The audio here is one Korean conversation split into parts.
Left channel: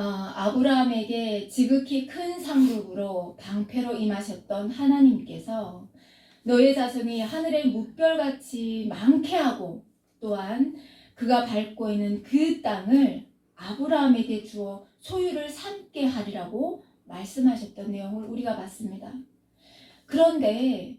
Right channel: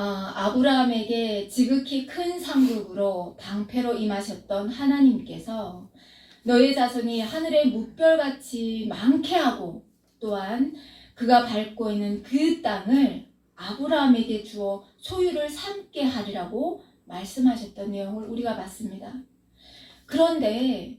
아브라함에게 지극히 큰 상급으로 방패로 임하셨던 하나님께서 너의 자손이 하늘의 무별같이 많게 하고 또한 그가 밟고 있는 그 땅을 아브라함에게 주어 소유를 삼게 하리라고 말씀하셨던 내용을 우리가 봤습니다. 그런데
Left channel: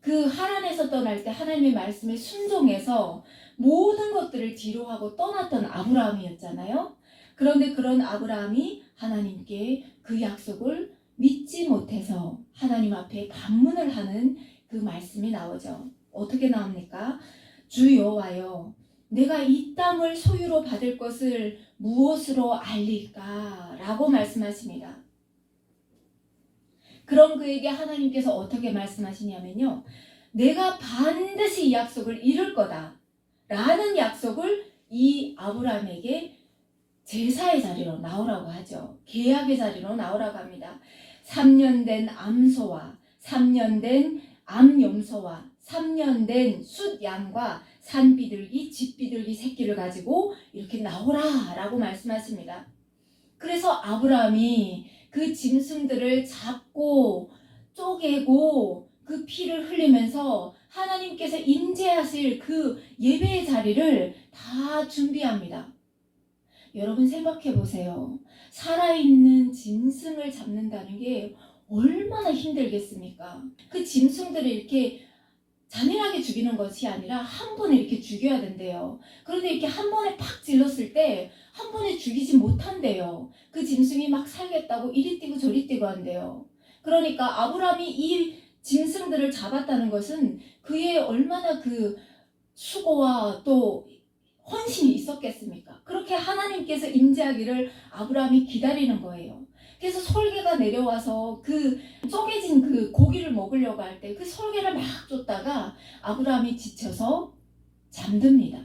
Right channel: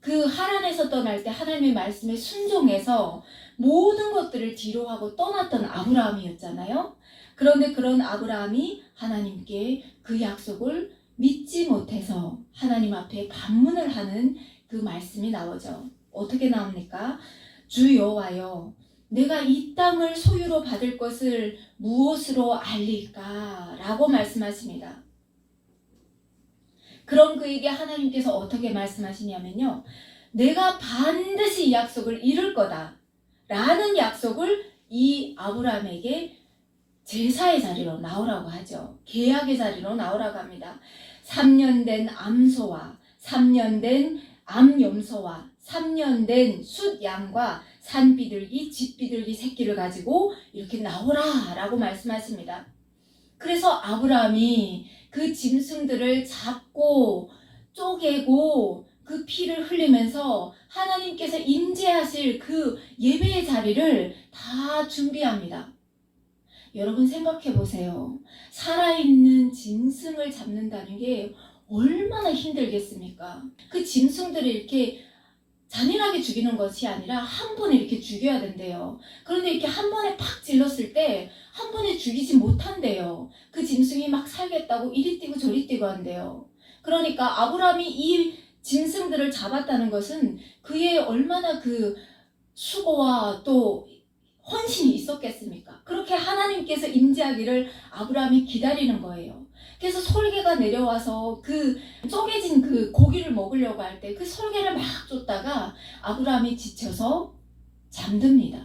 그 하란에서 떠날 때 하나님의 말씀에 순종해서 모든 것들을 뒤로 하고 떠났던 아브라함이었잖아요. 그런데 그런 아브라함이 하나님께 그 약속을 믿지 못해서 하나님 앞에 반문을 하는 그 말씀이 나오죠. 어떻게 나옵니까? 주 여호와여, 내가 이 땅을 소유로 받을 것을 무엇으로 알릴까? 라고 말씀하십니다. 그럼 그에게 하나님께서 어떻게 말씀하시냐면요, 내가 반드시 이 약속을 이룰 거다 라는 약속을 이 아브라함에게 제사의 자리로 나오라고 하죠. 계약의 자리로 나오라고 합니다. 3년 된 암소와 3년 된 암염소와 3년 된 숫양과 산비둘기, 집비둘기 새끼를 가지고 이렇게 나오라 라고 말씀하십니다. 그래서 아브라함이 그 짐승들을 잡고 쪼개고 그 피를 흘리면서 하나님께서 임재하실 그 예배의 자리를 다 준비합니다. 여러분 생각해 보세요. 살아있는 짐승을 잡는다는 게 얼마나 힘들겠습니까? 그 짐승들을 이렇게 잔인하게 죽이는 것이 아니라 한 번에 이렇게 죽여야 된대요. 그런데 이렇게 한 번에 팍 찔렀을 때 한 번에 죽이지 못한대요. 그 짐승이 막 살겠다고 이리 뛰고 저리 뛰고 한대요. 그러니까 아브라함이 이 짐승들을 잡았다는 것은 그의 얼마나 그 수고와 또 헌신이 있었겠습니까? 그렇게 하나님께서 임재하기를 아브라함이 기다리는 거예요. 그래서 솔개가 내려와서 그 쪼개진 그 고기를 먹으려고 할 때 그 솔개를 막 쫓다가 아브라함이 지쳐서 잠듭니다.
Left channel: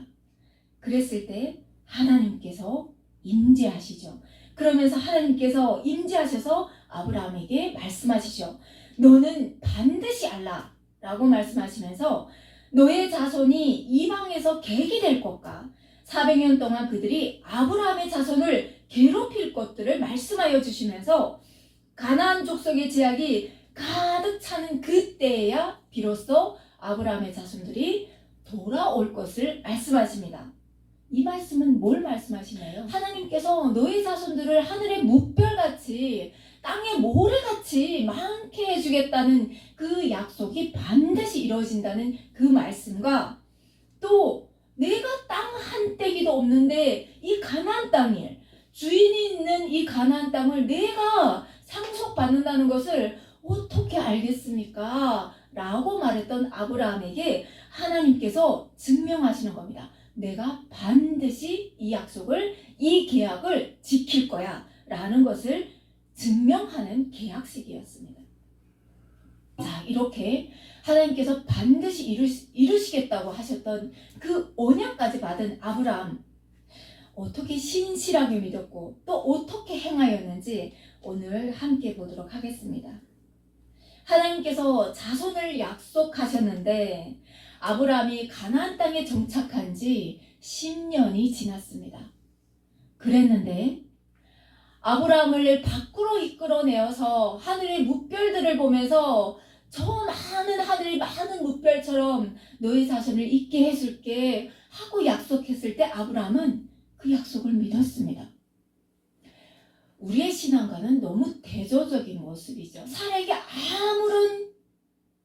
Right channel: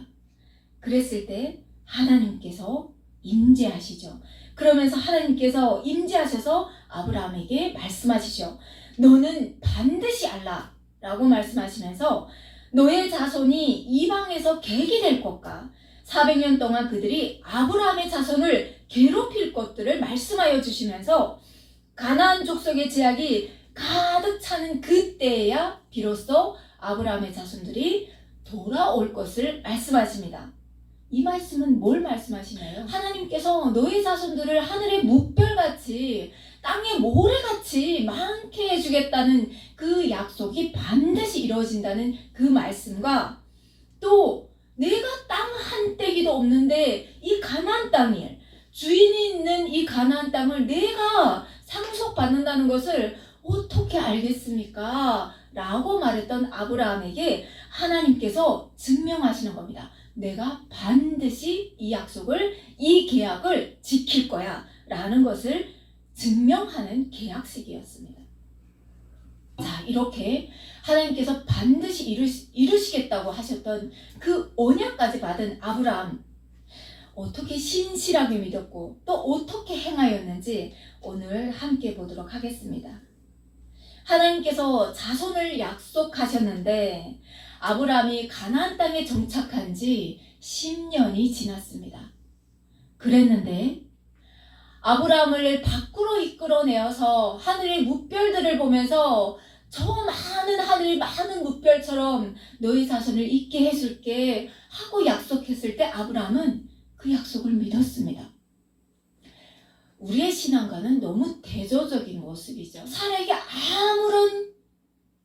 그랬을 때 하나님께서 임재하시죠. 그러면서 하나님께서 임재하셔서 아브라함에게 말씀하시죠. 너는 반드시 알라 라고 말씀하시면서 너의 자손이 이방에서 객이 될 것과 400년 동안 그들이 아브라함의 자손을 괴롭힐 것들을 말씀하여 주시면서 가나안 족속의 제약이 가득 차는 그때야 비로소 아브라함의 자손들이 돌아올 것을 말씀하십니다. 이 말씀은 뭘 말씀하시나요? 하나님께서 너의 자손들을 하늘의 무별같이 땅의 모래같이 많게 해주겠다는 그 약속이 반드시 이루어진다는 그 말씀과 또 내가 땅 한 떼기도 없는데 이 가나안 땅에 주인이 있는 이 가나안 땅을 내가 상속받는다는 것을 어떻게 알겠습니까? 라고 말했던 아브라함에게 하나님께서 증명하시는 겁니다. 내가 반드시 이 약속을, 이 계약을 지킬 거야 라는 것을 증명하는 계약식이었습니다. 자, 이렇게 하나님께서 반드시 이루시겠다고 하셨던 그 언약까지 받은 아브라함, 어떻게 신실하게 믿었고 또 어떻게 행하였는지 오늘 함께 보도록 하겠습니다. 하나님께서 자손을 약속하셨는데 아브라함이 가나안 땅에 정착한 지 10년이 지났습니다. 그랬는데 아브라함을 밖으로 이끌어내어서 하늘의 무별들을 보면서 저 많은 하늘이 많은 무별처럼 너희 자손을 있게 해줄게 하고 약속했을 때 아브라함은 그 약속을 믿었습니다. 우리의 신앙과는 너무 대조적인 모습이죠. 사람에게 아무런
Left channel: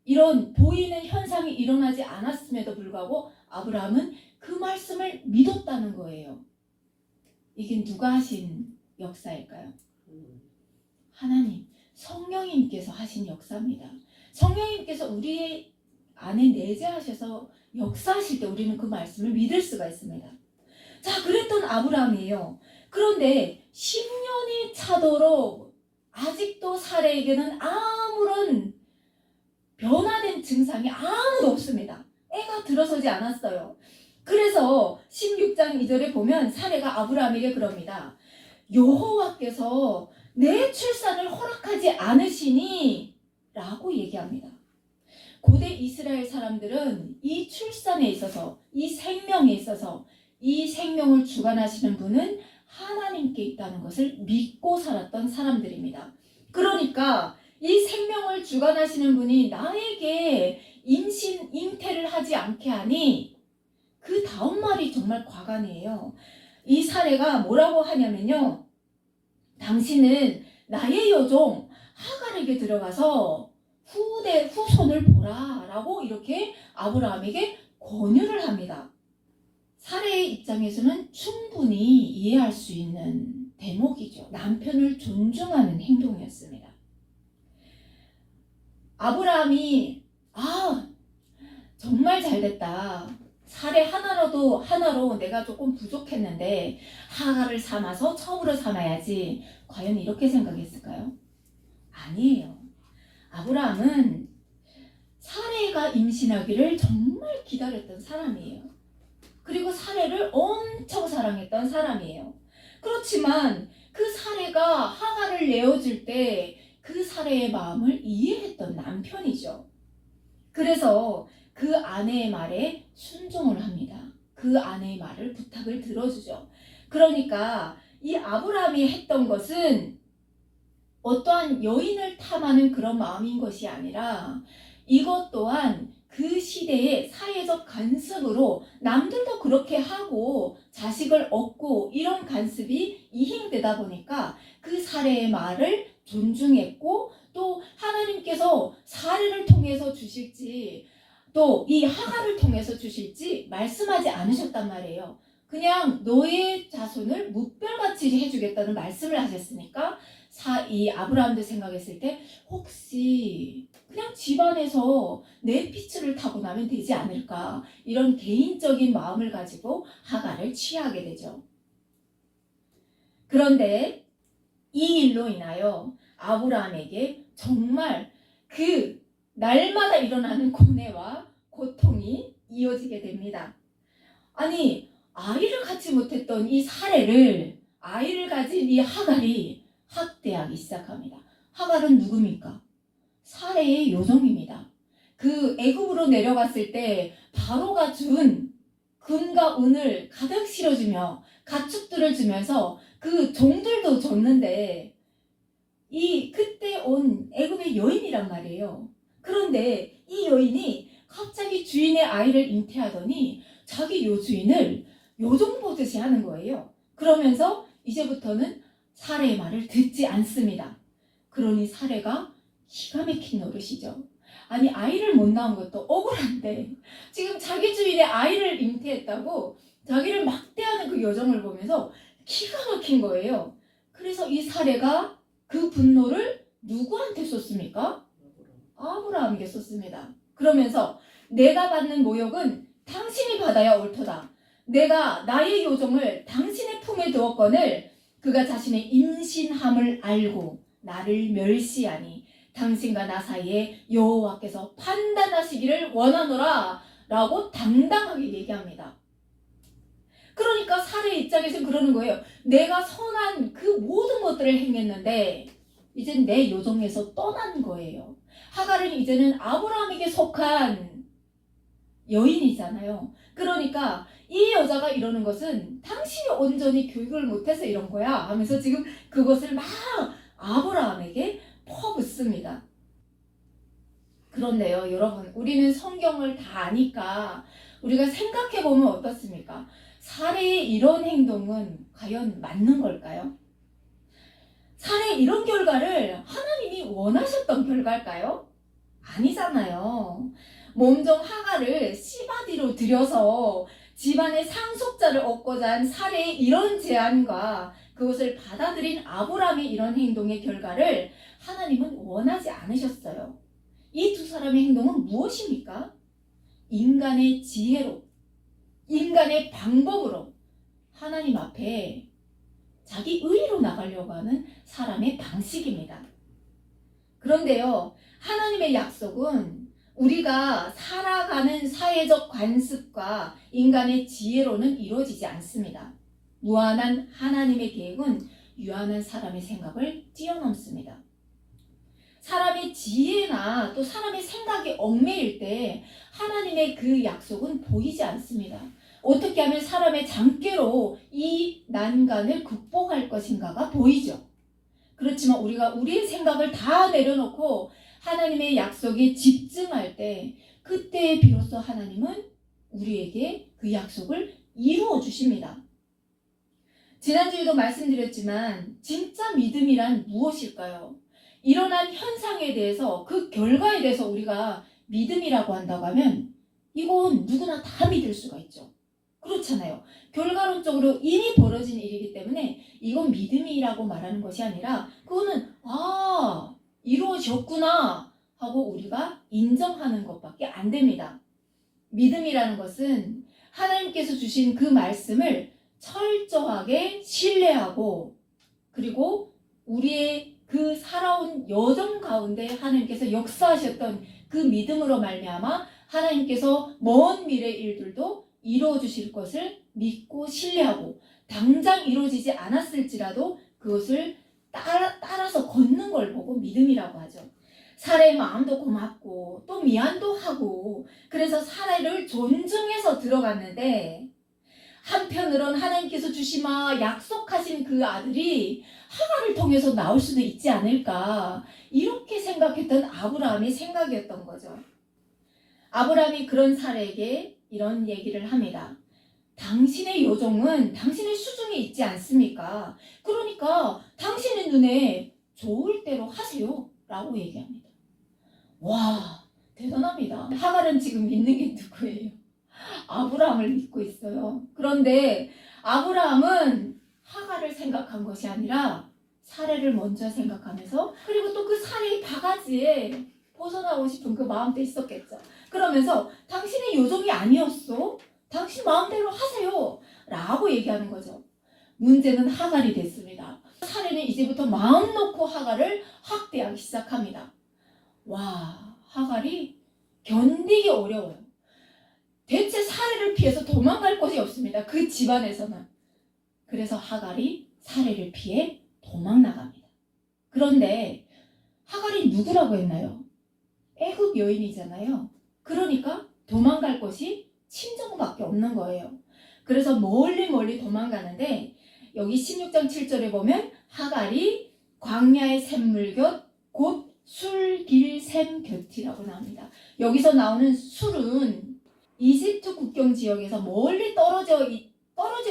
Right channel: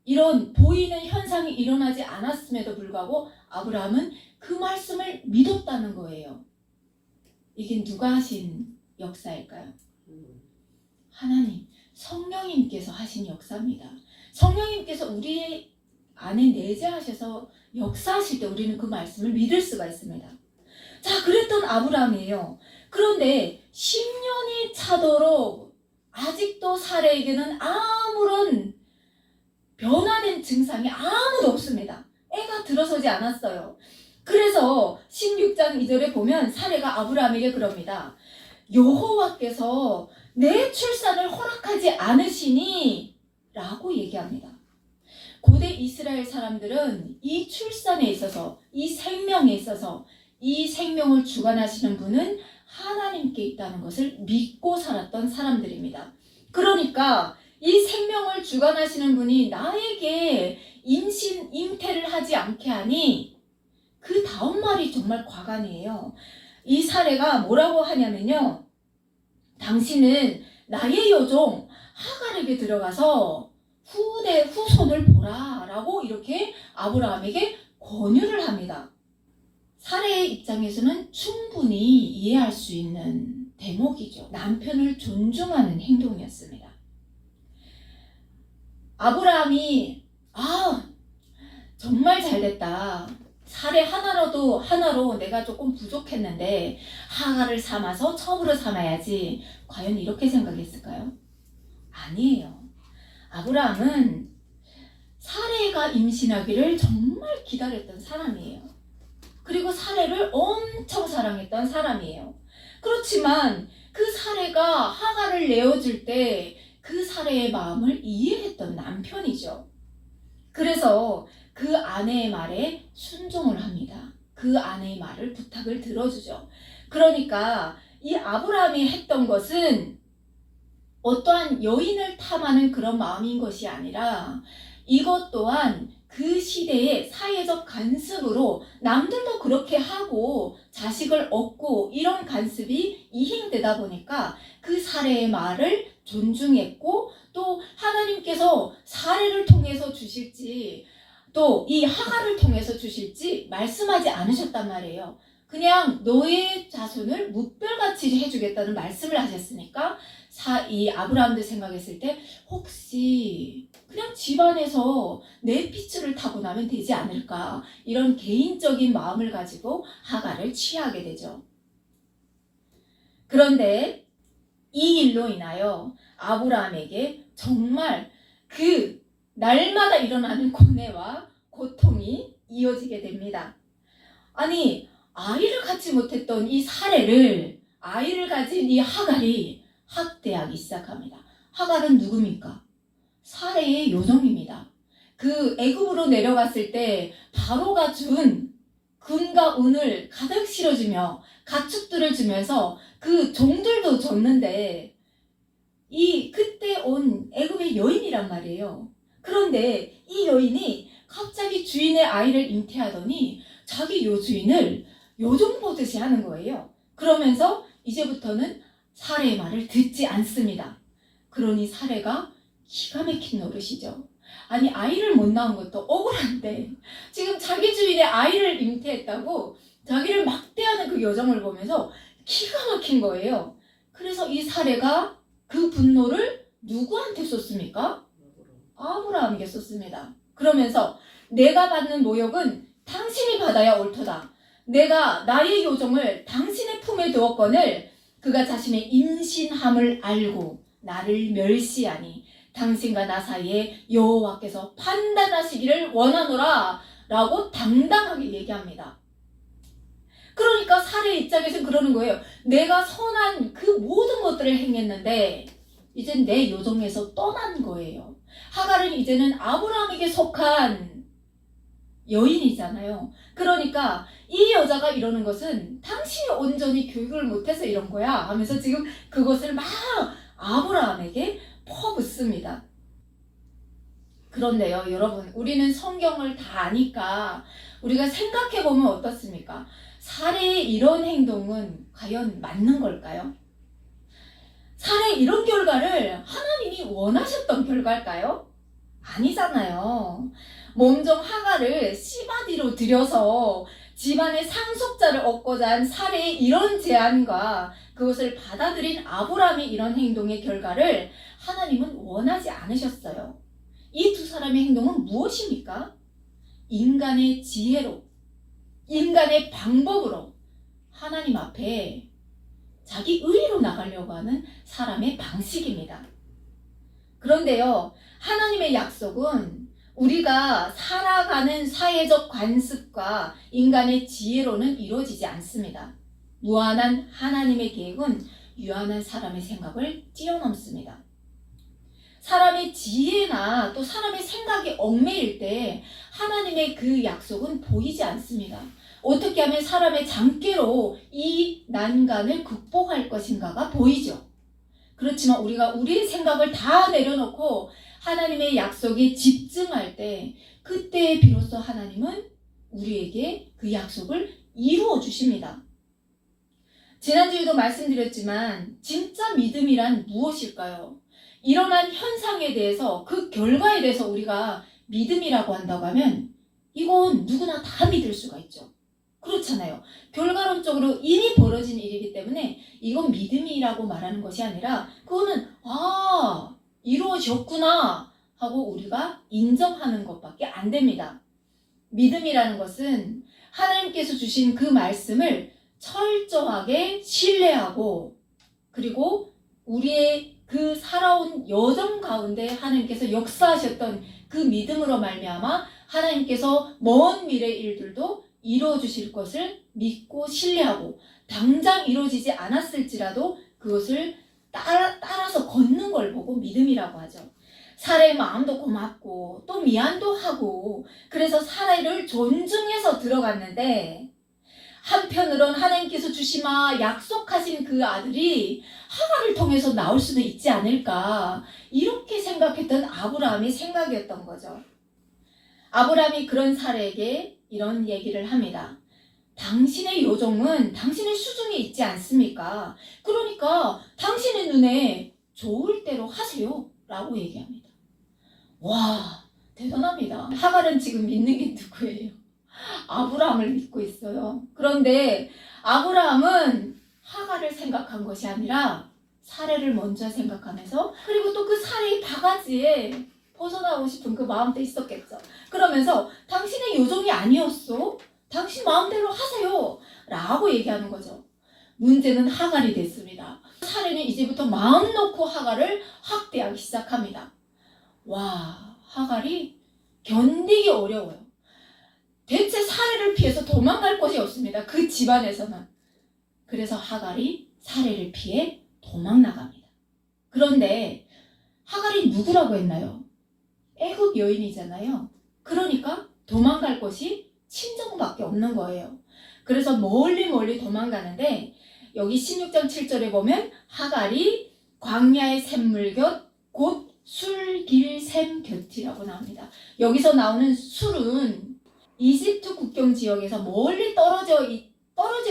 이런 보이는 현상이 일어나지 않았음에도 불구하고 아브라함은 그 말씀을 믿었다는 거예요. 이게 누가 하신 역사일까요? 하나님, 성령님께서 하신 역사입니다. 성령님께서 우리 안에 내재하셔서 역사하실 때 우리는 그 말씀을 믿을 수가 있습니다. 자, 그랬던 아브라함이에요. 그런데 10년이 차도록 아직도 사라에게는 아무런 변화된 증상이 아무도 없습니다. 애가 들어서지 않았어요. 그래서 16장 2절에 보면 사레가 아브라함에게 그럽니다. 여호와께서 내 출산을 허락하지 않으시니 라고 얘기합니다. 고대 이스라엘 사람들은 이 출산에 있어서 이 생명에 있어서 이 생명을 주관하시는 분은 하나님께 있다는 것을 믿고 살았던 사람들입니다. 그러니까 이 생명을 주관하시는 분이 나에게 잉태를 하지 않게 하니, 그 다음 말이 정말 과간이에요. 이 사례가 뭐라고 하냐면요, 당신은 나의 여종 하갈에게 들어가서 후손을 보라 라고 이렇게 아브라함에게 권유를 합니다. 사례의 입장에서는 충분히 이해할 수 있는 대목이죠. 남편을 존중하는 행동이었습니다. 아브라함이 정말 잘됐다. 사례 하나로 내가 조금 부족했는데 하갈을 삼아서 첩으로 삼아야지. 과연 이렇게 생각했을까요? 아니에요. 아브라함은 사례가 임신하기를 정말 기다렸던 사람이에요. 그리고 사례를 엄청 사랑했던 사람이에요. 그렇지만 그 사례가 하갈을 내어줄 때 그 사례의 마음을 이해했던 남편이죠. 그래서 그 아내의 말에 순종을 합니다. 그 아내의 말을, 부탁을 들어주죠. 그러니까 이 아브라함이 했던 것은 어떠한 여인을 탐하는 그런 마음인 것이 아니라, 이것 또한 그 시대의 사회적 관습으로 남들도 그렇게 하고 자식을 얻고 이런 관습이 이행되다 보니까 그 사례의 말을 존중했고, 또 하나님께서 사례를 통해서 주실지 또 이 하갈을 통해서 주실지 말씀하지 않으셨단 말이에요. 그냥 너의 자손을 무별같이 해주겠다는 말씀을 하셨으니까 이 아브라함도 생각했을 때 혹시 그냥 집안에서 내 피줄을 타고 나면 되지 않을까, 이런 개인적인 마음을 가지고 하갈을 취하게 되죠. 그런데 이 일로 인하여 아브라함에게 정말 그 날마다 일어나는 고뇌와 고통이 이어지게 됩니다. 아니, 아이를 갖지 못했던 이 사례를 아이를 가진 이 하갈이 학대하기 시작합니다. 하갈은 누굽니까? 사례의 요정입니다. 그 애굽으로 내려갔을 때 바로가 준 금과 은을 가득 실어주며 가축들을 주면서 그 종들도 줬는데, 그때 온 애굽의 여인이란 말이에요. 그런데 이 여인이 갑자기 주인의 아이를 잉태하더니 자기 주인을 요정 보듯이 하는 거예요. 그러면서 이제부터는 사례의 말을 듣지 않습니다. 그러니 사례가 기가 막힌 노릇이죠. 아니, 아이를 못 낳은 것도 억울한데 지금 자기 주인의 아이를 잉태했다고 자기를 막대하는 그 여정을 보면서 기가 막힌 거예요. 그래서 이 사례가 그 분노를 누구한테 쏟습니까? 아브라함에게 쏟습니다. 그러면서 내가 받는 모욕은 당신이 받아야 옳도다. 내가 나의 요정을 당신의 품에 두었거늘 그가 자신의 임신함을 알고 나를 멸시하니 당신과 나 사이에 여호와께서 판단하시기를 원하노라 라고 당당하게 얘기합니다. 그러니까 사례의 입장에서는 그러는 거예요. 내가 선한 그 모든 것들을 행했는데 이젠 내 요정에서 떠난 거예요. 하갈은 이제는 아브라함에게 속한 여인이잖아요. 그러니까 이 여자가 이러는 것은 당신이 온전히 교육을 못해서 이런 거야 하면서 지금 그것을 막 아브라함에게 퍼붓습니다. 그런데요, 여러분, 우리는 성경을 다 아니까 우리가 생각해보면 어떻습니까? 사례의 이런 행동은 과연 맞는 걸까요? 사례의 이런 결과를 하나님이 원하셨던 결과일까요? 아니잖아요. 몸종 하갈을 씨바디로 들여서 집안의 상속자를 얻고자 한 사례의 이런 제안과 그것을 받아들인 아브라함의 이런 행동의 결과를 하나님은 원하지 않으셨어요. 이 두 사람의 행동은 무엇입니까? 인간의 지혜로, 인간의 방법으로 하나님 앞에 자기 의로 나가려고 하는 사람의 방식입니다. 그런데요, 하나님의 약속은 우리가 살아가는 사회적 관습과 인간의 지혜로는 이루어지지 않습니다. 무한한 하나님의 계획은 유한한 사람의 생각을 뛰어넘습니다. 사람의 지혜나 또 사람의 생각이 얽매일 때 하나님의 그 약속은 보이지 않습니다. 어떻게 하면 사람의 장깨로 이 난간을 극복할 것인가가 보이죠. 그렇지만 우리가 우리의 생각을 다 내려놓고 하나님의 약속에 집중할 때 그때 비로소 하나님은 우리에게 그 약속을 이루어 주십니다. 지난주에도 말씀드렸지만 진짜 믿음이란 무엇일까요? 일어난 현상에 대해서 그 결과에 대해서 우리가 믿음이라고 한다고 하면 이건 누구나 다 믿을 수가 있죠. 그렇잖아요. 결과론적으로 이미 벌어진 일이기 때문에 이건 믿음이라고 말하는 것이 아니라 그거는 이루어졌구나 하고 우리가 인정하는 것밖에 안 됩니다. 믿음이라는 것은 하나님께서 주신 그 말씀을 철저하게 신뢰하고 그리고 우리의 그 살아온 여정 가운데 하나님께서 역사하셨던 그 믿음으로 말미암아 하나님께서 먼 미래 일들도 이루어 주실 것을 믿고 신뢰하고 당장 이루어지지 않았을지라도 그것을 따라서 걷는 걸 보고 믿음이라고 하죠. 사례의 마음도 고맙고 또 미안도 하고 그래서 사례를 존중해서 들어갔는데 한편으론 하나님께서 주시마 약속하신 그 아들이 하갈을 통해서 나올 수도 있지 않을까 이렇게 생각했던 아브라함의 생각이었던 거죠. 아브라함이 그런 사례에게 이런 얘기를 합니다. 당신의 요정은 당신의 수중에 있지 않습니까? 그러니까 당신의 눈에 좋을 대로 하세요 라고 얘기합니다. 와, 대단합니다. 하갈은 지금 믿는 게 누구예요? 아브라함을 믿고 있어요. 그런데 아브라함은 하갈을 생각한 것이 아니라 사례를 먼저 생각하면서 그리고 또 그 사례의 바가지에 벗어나고 싶은 그 마음도 있었겠죠. 그러면서 당신의 요정이 아니었어? 당신 마음대로 하세요 라고 얘기하는 거죠. 문제는 하갈이 됐습니다. 사례는 이제부터 마음 놓고 하갈을 학대하기 시작합니다. 와, 하갈이 견디기 어려워요. 대체 사례를 피해서 도망갈 곳이 없습니다. 그 집안에서는. 그래서 하갈이 사례를 피해 도망 나갑니다. 그런데 하갈이 누구라고 했나요? 애굽 여인이잖아요. 그러니까 도망갈 곳이 친정밖에 없는 거예요. 그래서 멀리 도망가는데 여기 16장 7절에 보면 하갈이 광야의 샘물 곁 곧 술길샘 곁이라고 나옵니다. 여기서 나오는 술은 이집트 국경 지역에서 멀리 떨어져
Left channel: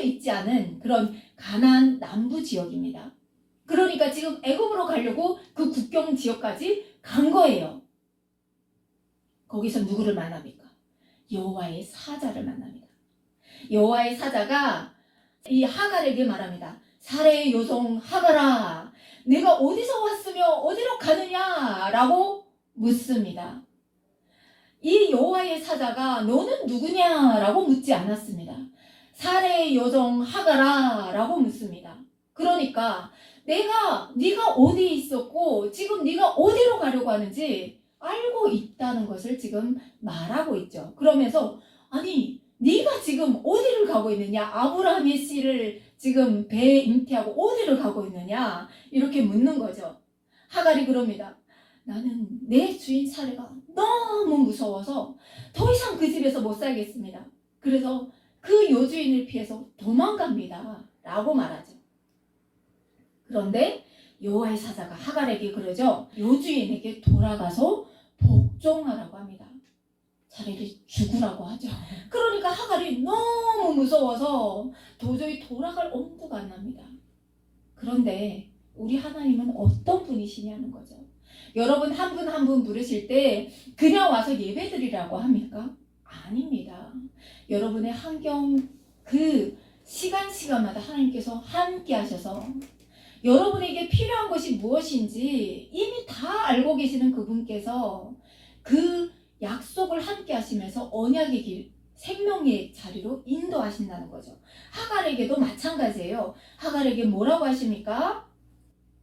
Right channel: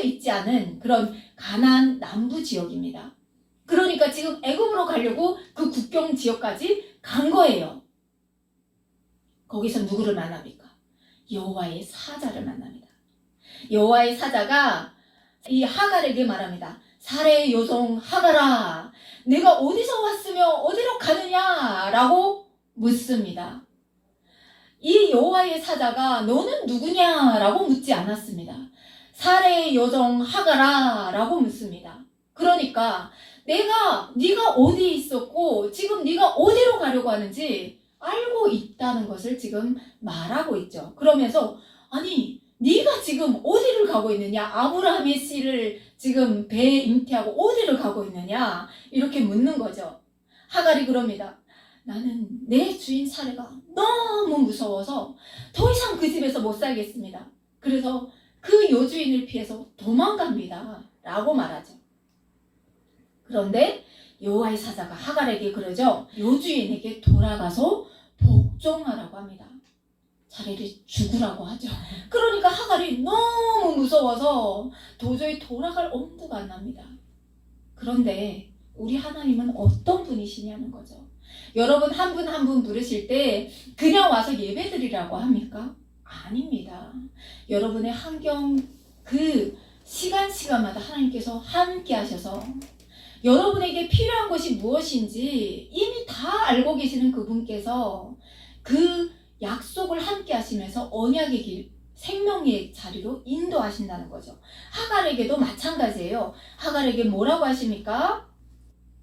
있지 않은 그런 가나안 남부 지역입니다. 그러니까 지금 애굽으로 가려고 그 국경 지역까지 간 거예요. 거기서 누구를 만납니까? 여호와의 사자를 만납니다. 여호와의 사자가 이 하갈에게 말합니다. 사례의 요정 하갈아, 내가 어디서 왔으며 어디로 가느냐라고 묻습니다. 이 여호와의 사자가 너는 누구냐라고 묻지 않았습니다. 사례의 요정 하갈아라고 묻습니다. 그러니까 네가 어디에 있었고 지금 네가 어디로 가려고 하는지 알고 있다는 것을 지금 말하고 있죠. 그러면서 아니 네가 지금 어디를 가고 있느냐? 아브라함의 씨를 지금 배에 잉태하고 어디를 가고 있느냐? 이렇게 묻는 거죠. 하갈이 그럽니다. 나는 내 주인 사례가 너무 무서워서 더 이상 그 집에서 못 살겠습니다. 그래서 그 요주인을 피해서 도망갑니다. 라고 말하죠. 그런데 여호와의 사자가 하갈에게 그러죠. 요주인에게 돌아가서 복종하라고 합니다. 차라리 죽으라고 하죠. 그러니까 하갈이 너무 무서워서 도저히 돌아갈 엄두가 안 납니다. 그런데 우리 하나님은 어떤 분이시냐는 거죠. 여러분 한 분 한 분 부르실 때 그냥 와서 예배드리라고 합니까? 아닙니다. 여러분의 환경 그 시간마다 하나님께서 함께 하셔서 여러분에게 필요한 것이 무엇인지 이미 다 알고 계시는 그분께서 그 약속을 함께 하시면서 언약의 길, 생명의 자리로 인도하신다는 거죠. 하갈에게도 마찬가지예요. 하갈에게 뭐라고 하십니까?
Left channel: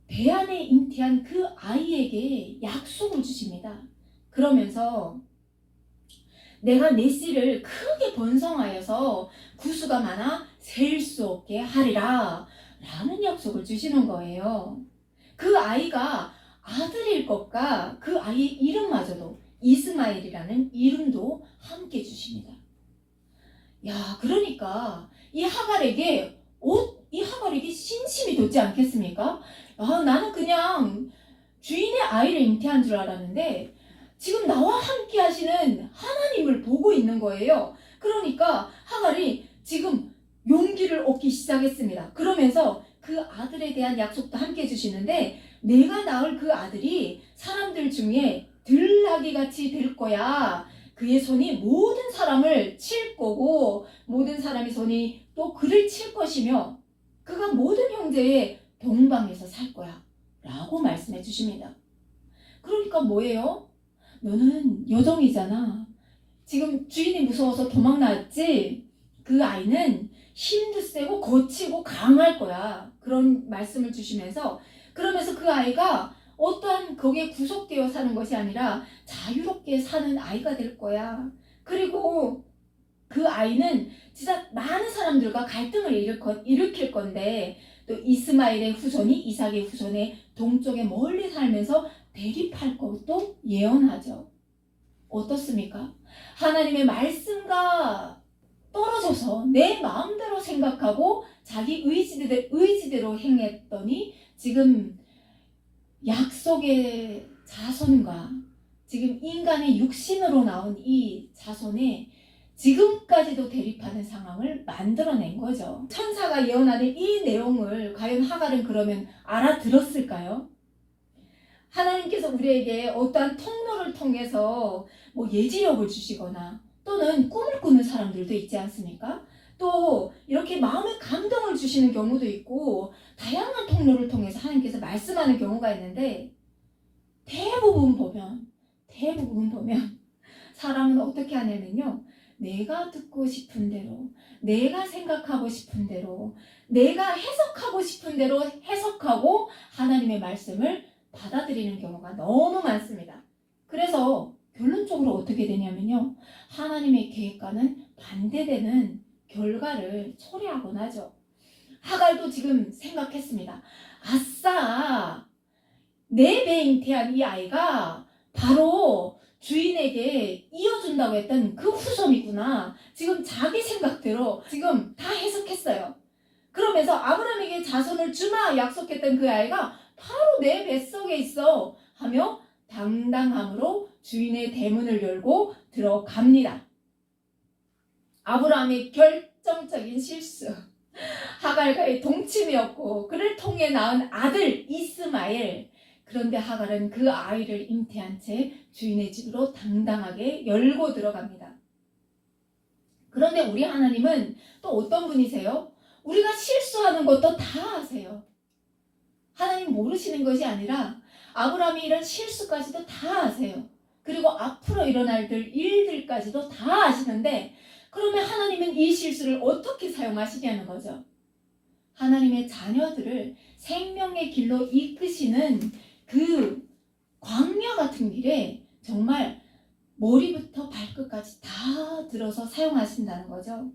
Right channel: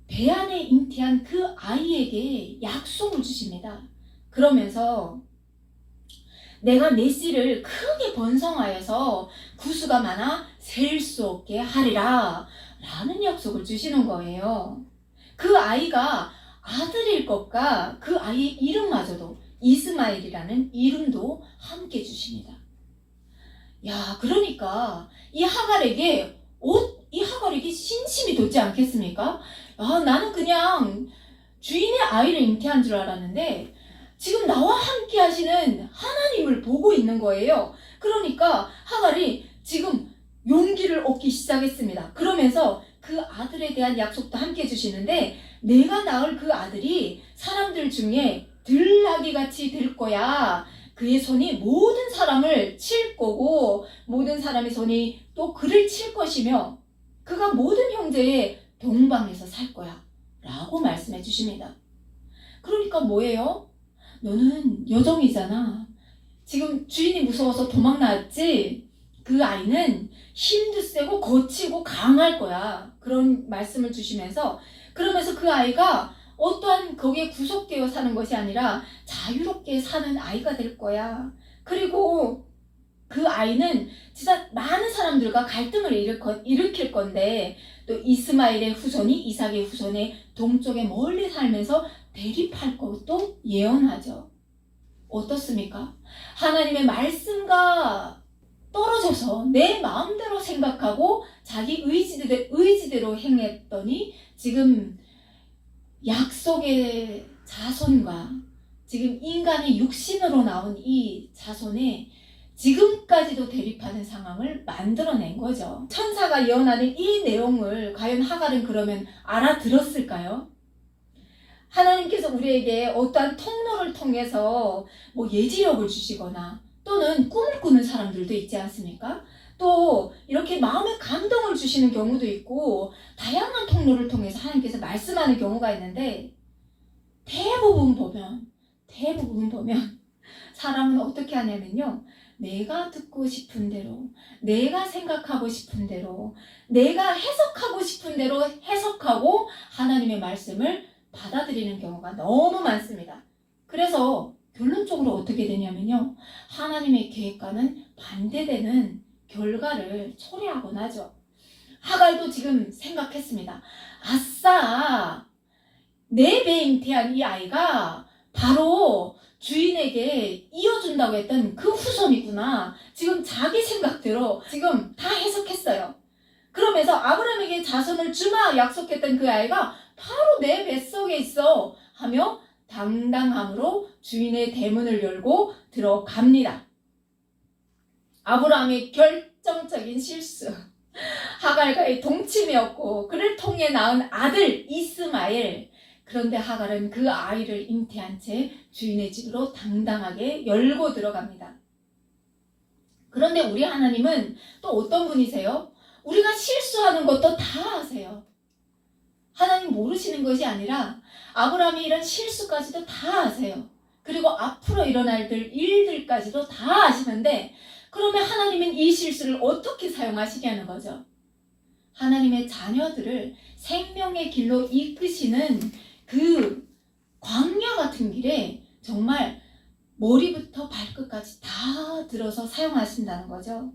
배 안에 잉태한 그 아이에게 약속을 주십니다. 그러면서 내가 내 씨를 크게 번성하여서 구수가 많아 셀 수 없게 하리라 라는 약속을 주시는 거예요. 그 아이가 아들일 것과 그 아이의 이름마저도 이스마엘이라는 이름도 함께 주십니다. 야, 그러니까 이 하갈에게 신심이 돋지 않겠습니까? 아, 나는 그냥 주인의 아이를 잉태한 줄 알았는데 지금 나와 함께 하시는 하나님을 보고 있는 거예요. 그러니까 하갈이 지금 용기를 얻기 시작했습니다. 그러면서 그 아들에 대한 약속도 함께 해주시는데, 내가 낳을 그 아들이 사람들 중에 들나귀 같이 될 거야. 그의 손이 모든 사람을 칠 거고 모든 사람의 손이 또 그를 칠 것이며 그가 모든 형제의 동방에서 살 거야 라고 말씀해 주십니다. 그러니까 뭐예요? 너는 여종이잖아. 지금 주인이 무서워서 도망 나왔지? 그 아이는 힘도 세고 거치고 강할 거야. 그런 말씀을 주시면서, 그러면서 그 아이가 어떠한 거기에 구속되어 사는 것이 아니라 자유롭게 사는 아이가 될 거야. 그리고 그 아이는 진짜 많은 사람들과 갈등을 일으킬 건데, 또 이스마엘의 후손이 이삭의 후손의 동쪽에 멀리 살면서 대립할 것도 예언하죠. 어떻습니까? 하나님의 말씀과 떨어져서 내 마음대로 생각하고 자기 의지대로 행했더니 지금 약속의 자손과 지금 인간의 육신으로 나온 이 자손이 지금까지도 대립하는 상황을 만들어낸 거죠. 천사가 예언하는 이 내용을 과연 하갈은 그러면 알아들었을까요? 하나님께서 우리에게 어떠한 통로를 통해서 뭐 예지력을 주시거나 또는 꿈을 꾸는 사람들도 있지 않습니까? 또 이렇게 마음의 감동을 주시는 경우도 있고 다양한 통로를 통해서 하나님께서 말씀하는 경우가 있는데, 대부분 보면 사람은 어떻게 하냐면요, 내가 듣고 싶은 대로, 내가 생각하고 싶은 대로, 내가 해석하고 싶은 대로 해석하고 하나님의 말씀을 받아들이는 경우가 너무 많습니다. 그래서 결론적으로 어떻게 되냐면요, 하나님의 계획과는 반대되는 결과를 초래하곤 하죠. 하갈도 지금 생각했습니다. 아싸, 내 배에 잉태한 이 아이가 바로 주인에게 이어준다고 했던 그 후손이구나. 지금 자기 생각대로 지금 다 해석했어요. 그러면서 아브라함에게 자손을 주마 약속했던 그 아이가 바로 내 뱃속에 있어 하며 당당함으로 주인의 대문을 열고 들어갑니다. 아브라함의 결정적인 실수, 하갈과의 동침이었고 그를 통해 낳은 아들 이스마엘. 그런데 하갈은 그 아이를 잉태한 채 주인의 집으로 당당하게 열고 들어갑니다. 그런데 우리 하나님은 또 어떤 분이세요? 우리가 실수하는 것도 다 아세요. 하나님 모르시는 것이 아니라 아브라함이 이런 실수까지도 다 아세요. 그리고 앞으로 일어날 일들까지도 다 아시는데, 그러면 하나님은 이 실수를 어떻게 사용하시냐는 거죠. 하나님의 자녀들을 생명의 길로 이끄시는 그 광야 같은 길에 정말 머리부터 발끝까지 다 들어서 사용하신다는 거죠.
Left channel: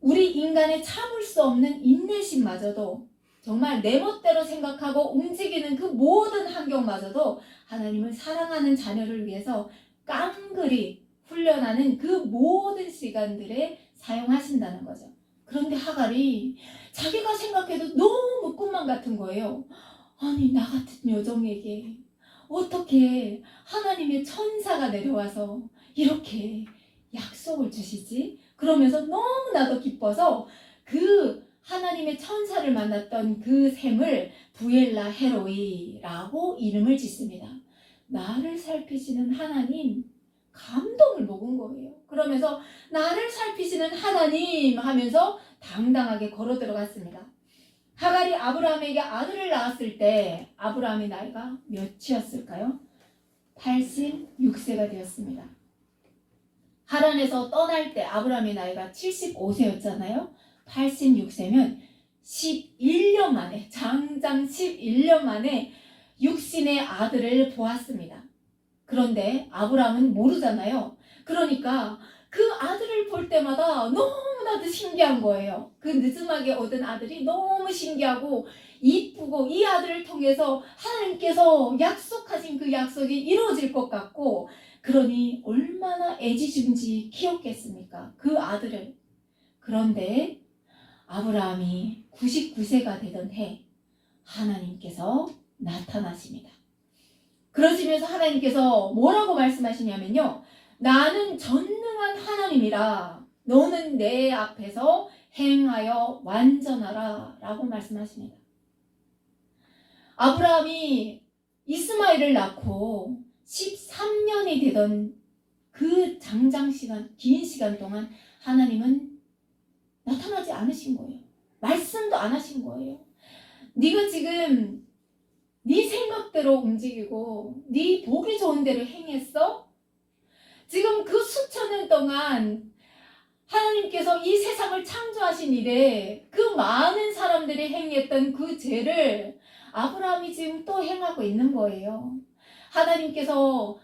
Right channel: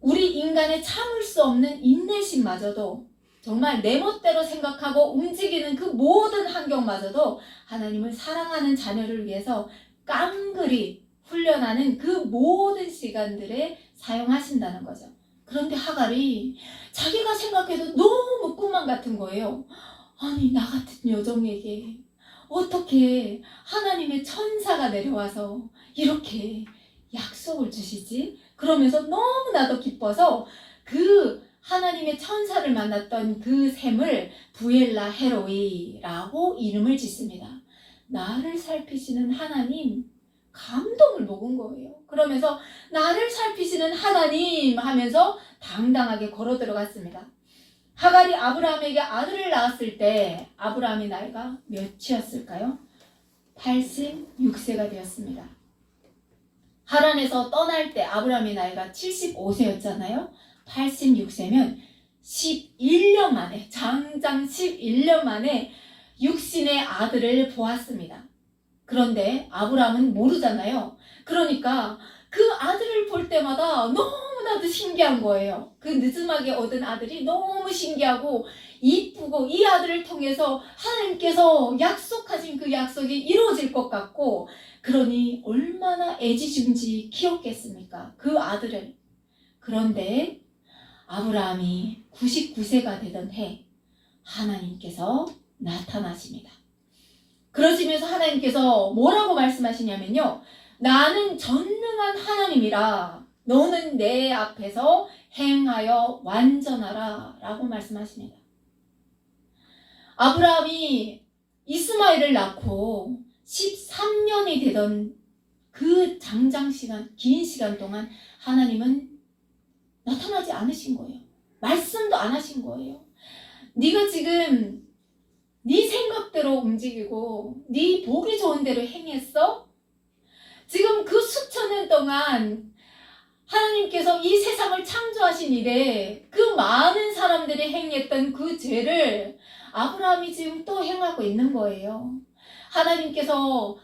우리 인간의 참을 수 없는 인내심마저도, 정말 내 멋대로 생각하고 움직이는 그 모든 환경마저도 하나님을 사랑하는 자녀를 위해서 깡그리 훈련하는 그 모든 시간들에 사용하신다는 거죠. 그런데 하갈이 자기가 생각해도 너무 꿈만 같은 거예요. 아니, 나 같은 여종에게 어떻게 하나님의 천사가 내려와서 이렇게 약속을 주시지? 그러면서 너무나도 기뻐서 그 하나님의 천사를 만났던 그 샘을 부엘라 헤로이라고 이름을 짓습니다. 나를 살피시는 하나님, 감동을 먹은 거예요. 그러면서 나를 살피시는 하나님 하면서 당당하게 걸어 들어갔습니다. 하갈이 아브라함에게 아들을 낳았을 때 아브라함의 나이가 몇이었을까요? 86세가 되었습니다. 하란에서 떠날 때 아브라함의 나이가 75세였잖아요. 86세면 11년 만에, 장장 11년 만에 육신의 아들을 보았습니다. 그런데 아브라함은 모르잖아요. 그러니까 그 아들을 볼 때마다 너무나도 신기한 거예요. 그 늦음하게 얻은 아들이 너무 신기하고 이쁘고 이 아들을 통해서 하나님께서 약속하신 그 약속이 이루어질 것 같고, 그러니 얼마나 애지중지 키웠겠습니까? 그 아들을. 그런데 아브라함이 99세가 되던 해 하나님께서 나타나십니다. 그러시면서 하나님께서 뭐라고 말씀하시냐면요. 나는 전능한 하나님이라 너는 내 앞에서 행하여 완전하라 라고 말씀하십니다. 아브라함이 이스마엘을 낳고 13년이 되던 그 장장 시간, 긴 시간 동안 하나님은 나타나지 않으신 거예요. 말씀도 안 하신 거예요. 네가 지금 네 생각대로 움직이고 네 보기 좋은 대로 행했어? 지금 그 수천 년 동안 하나님께서 이 세상을 창조하신 이래 그 많은 사람들이 행했던 그 죄를 아브라함이 지금 또 행하고 있는 거예요. 하나님께서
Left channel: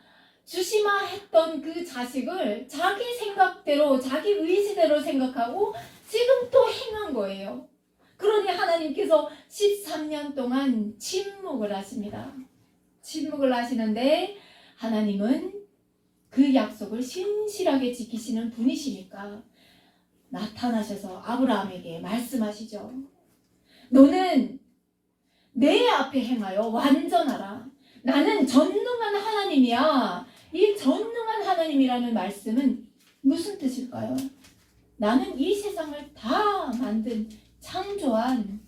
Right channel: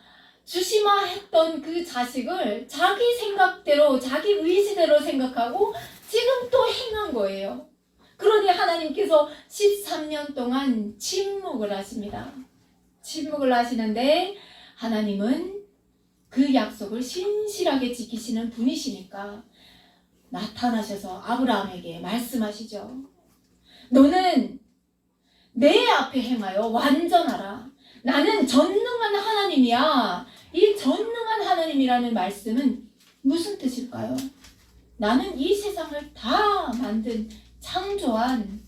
주시마 했던 그 자식을 자기 생각대로 자기 의지대로 생각하고 지금 또 행한 거예요. 그러니 하나님께서 13년 동안 침묵을 하십니다. 침묵을 하시는데 하나님은 그 약속을 신실하게 지키시는 분이시니까 나타나셔서 아브라함에게 말씀하시죠. 너는 내 앞에 행하여 완전하라. 나는 전능한 하나님이야. 이 전능한 하나님이라는 말씀은 무슨 뜻일까요? 나는 이 세상을 다 만든 창조한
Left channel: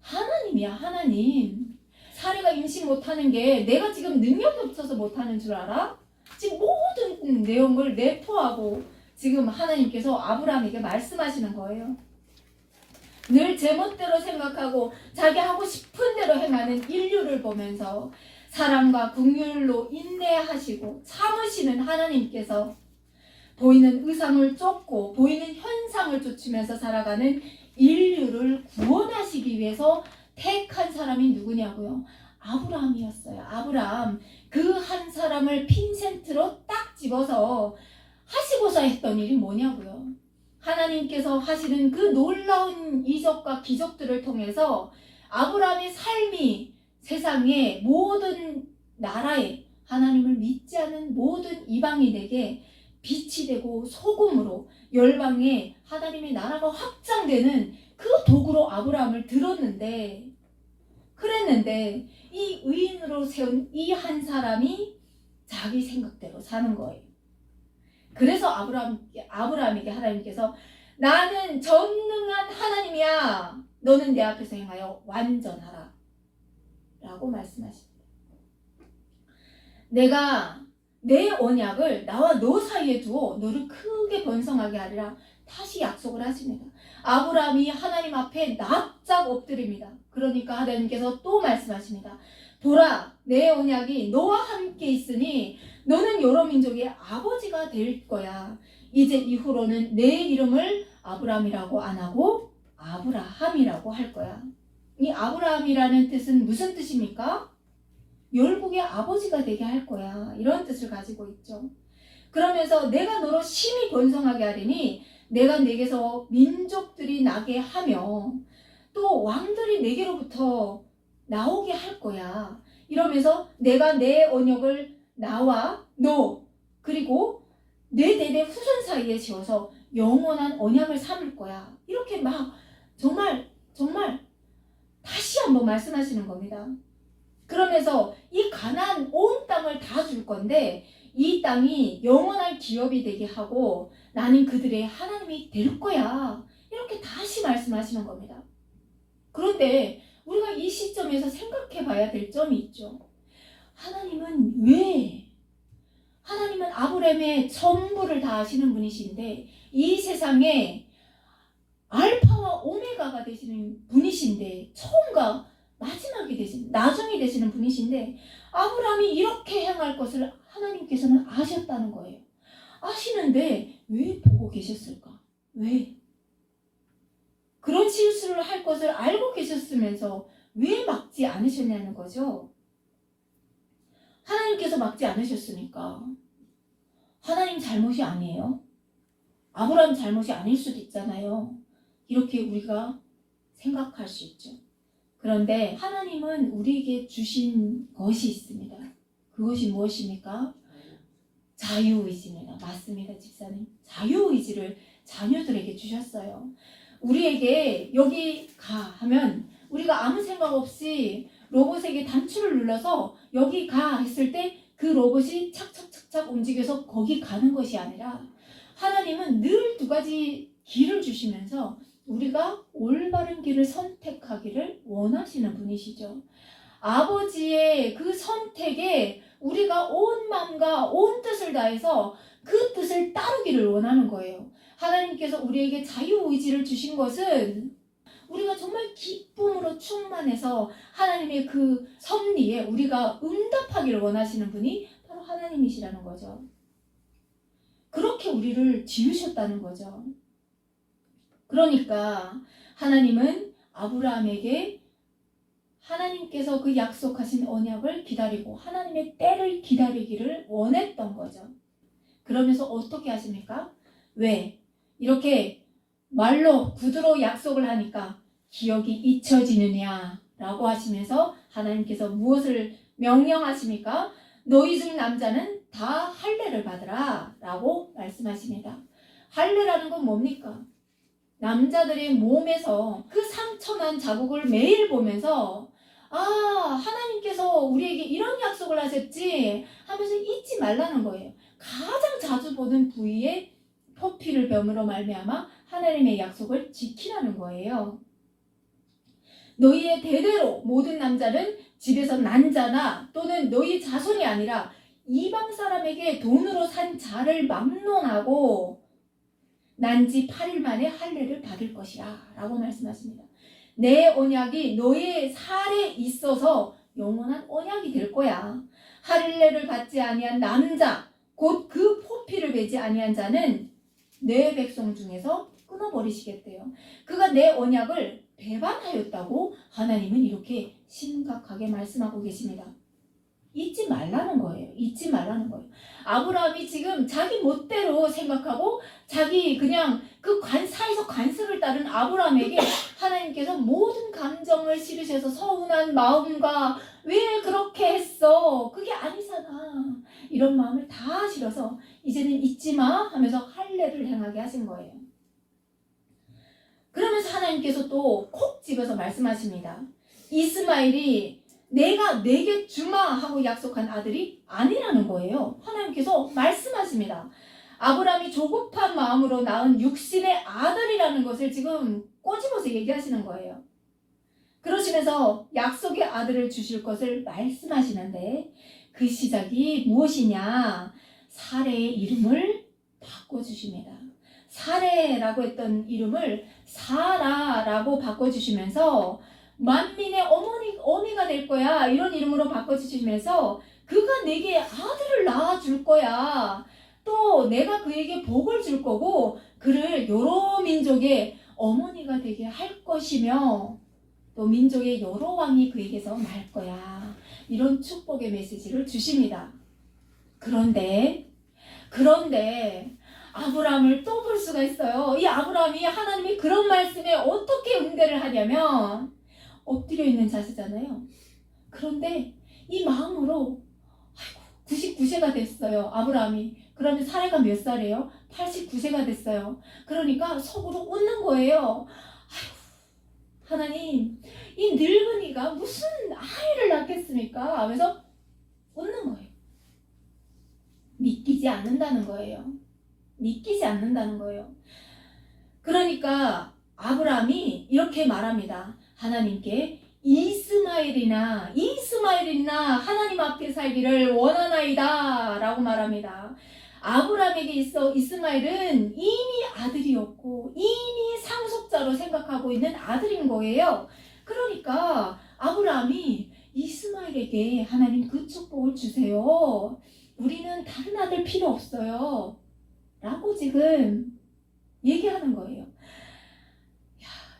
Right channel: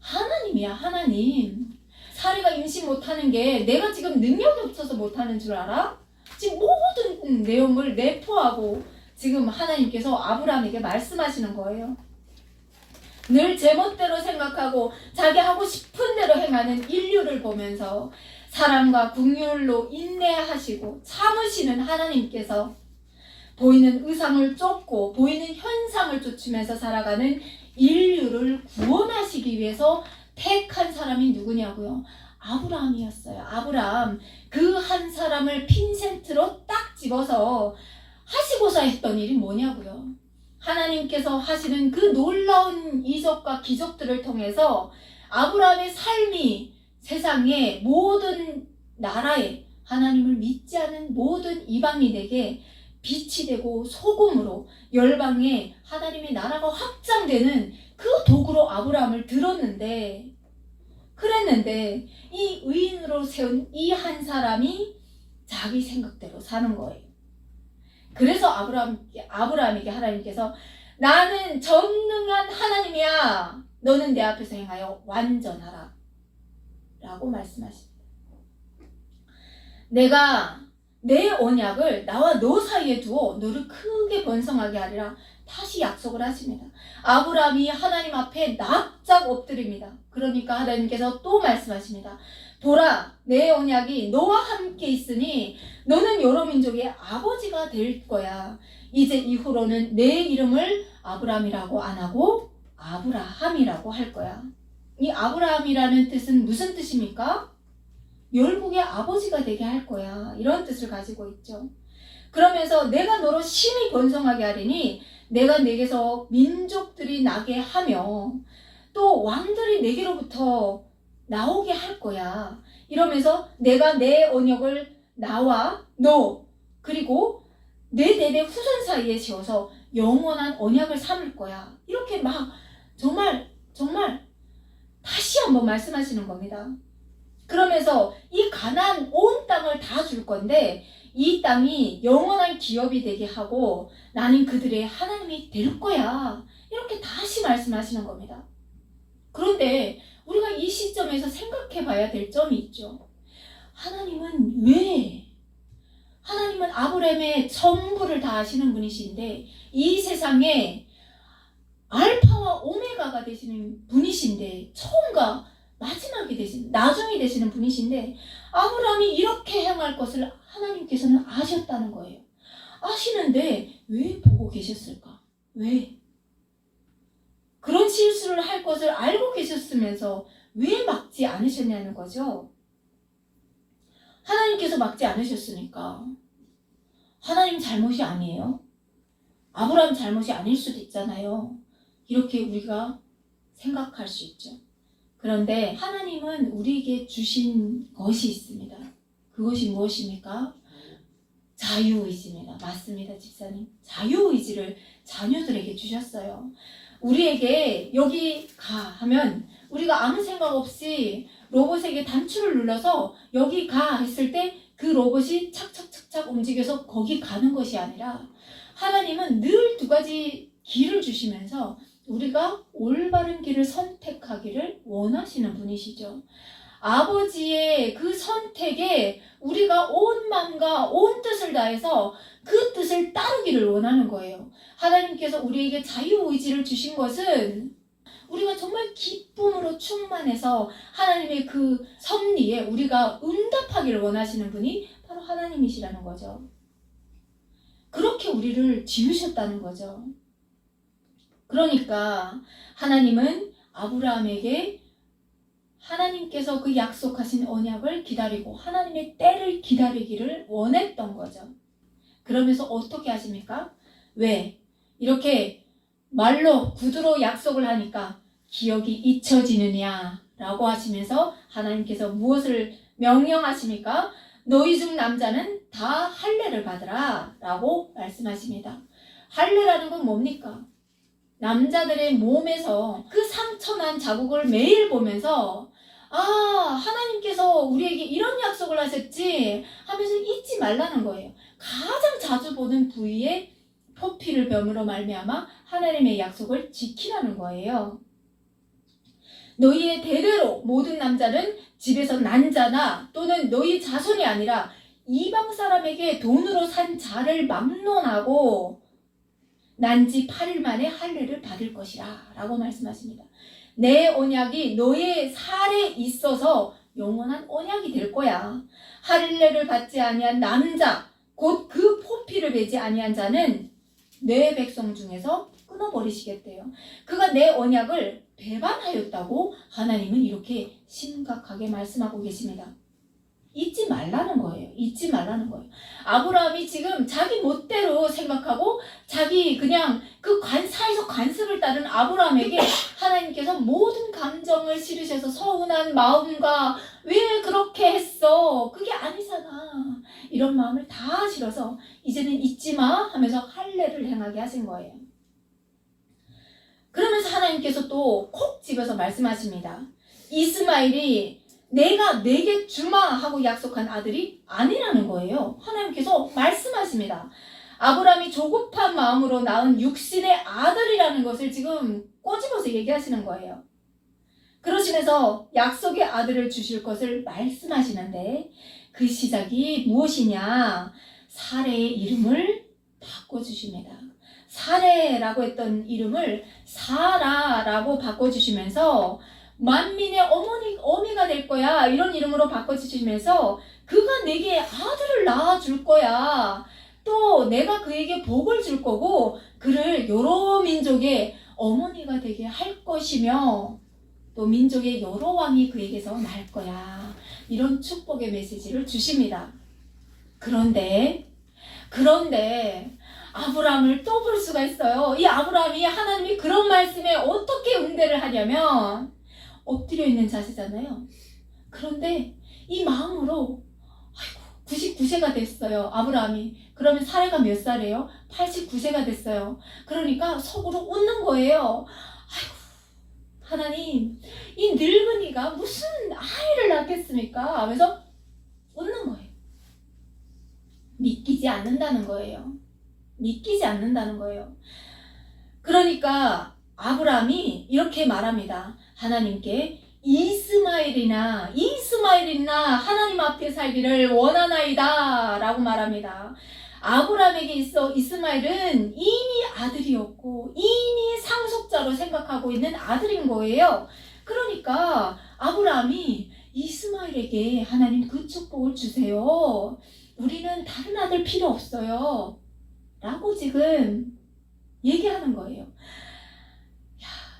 하나님이야. 하나님. 사례가 임신 못하는 게 내가 지금 능력이 없어서 못하는 줄 알아? 지금 모든 내용을 내포하고 지금 하나님께서 아브라함에게 말씀하시는 거예요. 늘 제멋대로 생각하고 자기 하고 싶은 대로 행하는 인류를 보면서 사랑과 긍휼로 인내하시고 참으시는 하나님께서 보이는 의상을 쫓고 보이는 현상을 쫓으면서 살아가는 인류를 구원하시기 위해서 택한 사람이 누구냐고요? 아브라함이었어요. 아브라함. 그 한 사람을 핀센트로 딱 집어서 하시고자 했던 일이 뭐냐고요? 하나님께서 하시는 그 놀라운 이적과 기적들을 통해서 아브라함의 삶이 세상의 모든 나라에 하나님을 믿지 않은 모든 이방인에게 빛이 되고 소금으로 열방에 하나님의 나라가 확장되는 그 도구로 아브라함을 들었는데 그랬는데 이 의인으로 세운 이 한 사람이 자기 생각대로 사는 거예요. 그래서 아브라함에게 하나님께서 나는 전능한 하나님이야. 너는 내 앞에서 행하여 완전하라. 라고 말씀하십니다. 내가 내 언약을 나와 너 사이에 두어 너를 크게 번성하게 하리라. 다시 약속을 하십니다. 아브라함이 하나님 앞에 납작 엎드립니다. 그러니까 하나님께서 또 말씀하십니다. 보라, 내 언약이 너와 함께 있으니 너는 여러 민족의 아버지가 될 거야. 이제 이후로는 내 이름을 아브라함이라고 안 하고 아브라함이라고 할 거야. 이 아브라함이라는 뜻은 무슨 뜻입니까? 열국의 아버지가 되게 할 거야. 이런 뜻을 가지고 있죠. 그러면서 내가 너로 심히 번성하게 하리니 내가 내게서 민족들이 나게 하며 또 왕들이 내게로부터 나오게 할 거야. 이러면서 내가 내 언약을 나와 너 그리고 내 대대 후손 사이에 지어서 영원한 언약을 삼을 거야. 이렇게 막 정말 다시 한번 말씀하시는 겁니다. 그러면서 이 가나안 온 땅을 다 줄 건데 이 땅이 영원한 기업이 되게 하고 나는 그들의 하나님이 될 거야. 이렇게 다시 말씀하시는 겁니다. 그런데 우리가 이 시점에서 생각해 봐야 될 점이 있죠. 하나님은 아브라함의 전부를 다 아시는 분이신데 이 세상에 알파와 오메가가 되시는 분이신데 처음과 마지막이 되시는 나중이 되시는 분이신데 아브라함이 이렇게 행할 것을 하나님께서는 아셨다는 거예요. 아시는데 왜 보고 계셨을까? 왜? 그런 실수를 할 것을 알고 계셨으면서 왜 막지 않으셨냐는 거죠. 하나님께서 막지 않으셨으니까 하나님 잘못이 아니에요. 아브라함 잘못이 아닐 수도 있잖아요. 이렇게 우리가 생각할 수 있죠. 그런데 하나님은 우리에게 주신 것이 있습니다. 그것이 무엇입니까? 자유의지입니다. 맞습니다, 집사님. 자유의지를 자녀들에게 주셨어요. 우리에게 여기 가 하면 우리가 아무 생각 없이 로봇에게 단추를 눌러서 여기 가 했을 때 그 로봇이 착착착착 움직여서 거기 가는 것이 아니라 하나님은 늘 두 가지 길을 주시면서 우리가 올바른 길을 선택하기를 원하시는 분이시죠. 아버지의 그 선택에 우리가 온 마음과 온 뜻을 다해서 그 뜻을 따르기를 원하는 거예요. 하나님께서 우리에게 자유의지를 주신 것은 우리가 정말 기쁨으로 충만해서 하나님의 그 섭리에 우리가 응답하기를 원하시는 분이 바로 하나님이시라는 거죠. 그렇게 우리를 지으셨다는 거죠. 그러니까 하나님은 아브라함에게 하나님께서 그 약속하신 언약을 기다리고 하나님의 때를 기다리기를 원했던 거죠. 그러면서 어떻게 하십니까? 왜? 이렇게 말로 구두로 약속을 하니까 기억이 잊혀지느냐 라고 하시면서 하나님께서 무엇을 명령하십니까? 너희 중 남자는 다 할례를 받으라 라고 말씀하십니다. 할례라는 건 뭡니까? 남자들의 몸에서 그 상처난 자국을 매일 보면서 하나님께서 우리에게 이런 약속을 하셨지 하면서 잊지 말라는 거예요. 가장 자주 보는 부위에 표피를 뱀으로 말미암아 하나님의 약속을 지키라는 거예요. 너희의 대대로 모든 남자는 집에서 난 자나 또는 너희 자손이 아니라 이방 사람에게 돈으로 산 자를 막론하고 난 지 8일 만에 할례를 받을 것이라 라고 말씀하십니다. 내 언약이 너의 살에 있어서 영원한 언약이 될 거야. 할례를 받지 아니한 남자 곧 그 포피를 베지 아니한 자는 내 백성 중에서 끊어버리시겠대요. 그가 내 언약을 배반하였다고 하나님은 이렇게 심각하게 말씀하고 계십니다. 잊지 말라는 거예요. 잊지 말라는 거예요. 아브라함이 지금 자기 멋대로 생각하고 자기 그냥 그 사이적 관습을 따른 아브라함에게 하나님께서 모든 감정을 실으셔서 서운한 마음과 왜 그렇게 했어? 그게 아니잖아. 이런 마음을 다 실어서 이제는 잊지 마 하면서 할례를 행하게 하신 거예요. 그러면서 하나님께서 또 콕 집어서 말씀하십니다. 이스마엘이 내가 내게 주마 하고 약속한 아들이 아니라는 거예요. 하나님께서 말씀하십니다. 아브라함이 조급한 마음으로 낳은 육신의 아들이라는 것을 지금 꼬집어서 얘기하시는 거예요. 그러시면서 약속의 아들을 주실 것을 말씀하시는데 그 시작이 무엇이냐? 사레의 이름을 바꿔주십니다. 사레라고 했던 이름을 사라라고 바꿔주시면서 만민의 어미가 될 거야 이런 이름으로 바꿔주시면서 그가 내게 아들을 낳아줄 거야. 또 내가 그에게 복을 줄 거고 그를 여러 민족의 어머니가 되게 할 것이며 또 민족의 여러 왕이 그에게서 날 거야. 이런 축복의 메시지를 주십니다. 그런데 아브라함을 또 볼 수가 있어요. 이 아브라함이 하나님이 그런 말씀에 어떻게 응대를 하냐면 엎드려 있는 자세잖아요. 그런데 이 마음으로 99세가 됐어요. 아브라함이. 그러면 사례가 몇 살이에요? 89세가 됐어요. 그러니까 속으로 웃는 거예요. 하나님, 이 늙은이가 무슨 아이를 낳겠습니까? 하면서 웃는 거예요. 믿기지 않는다는 거예요. 믿기지 않는다는 거예요. 그러니까 아브라함이 이렇게 말합니다. 하나님께 이스마엘이나 하나님 앞에 살기를 원하나이다 라고 말합니다. 아브라함에게 있어 이스마엘은 이미 아들이었고 이미 상속자로 생각하고 있는 아들인 거예요. 그러니까 아브라함이 이스마엘에게 하나님 그 축복을 주세요. 우리는 다른 아들 필요 없어요. 라고 지금 얘기하는 거예요.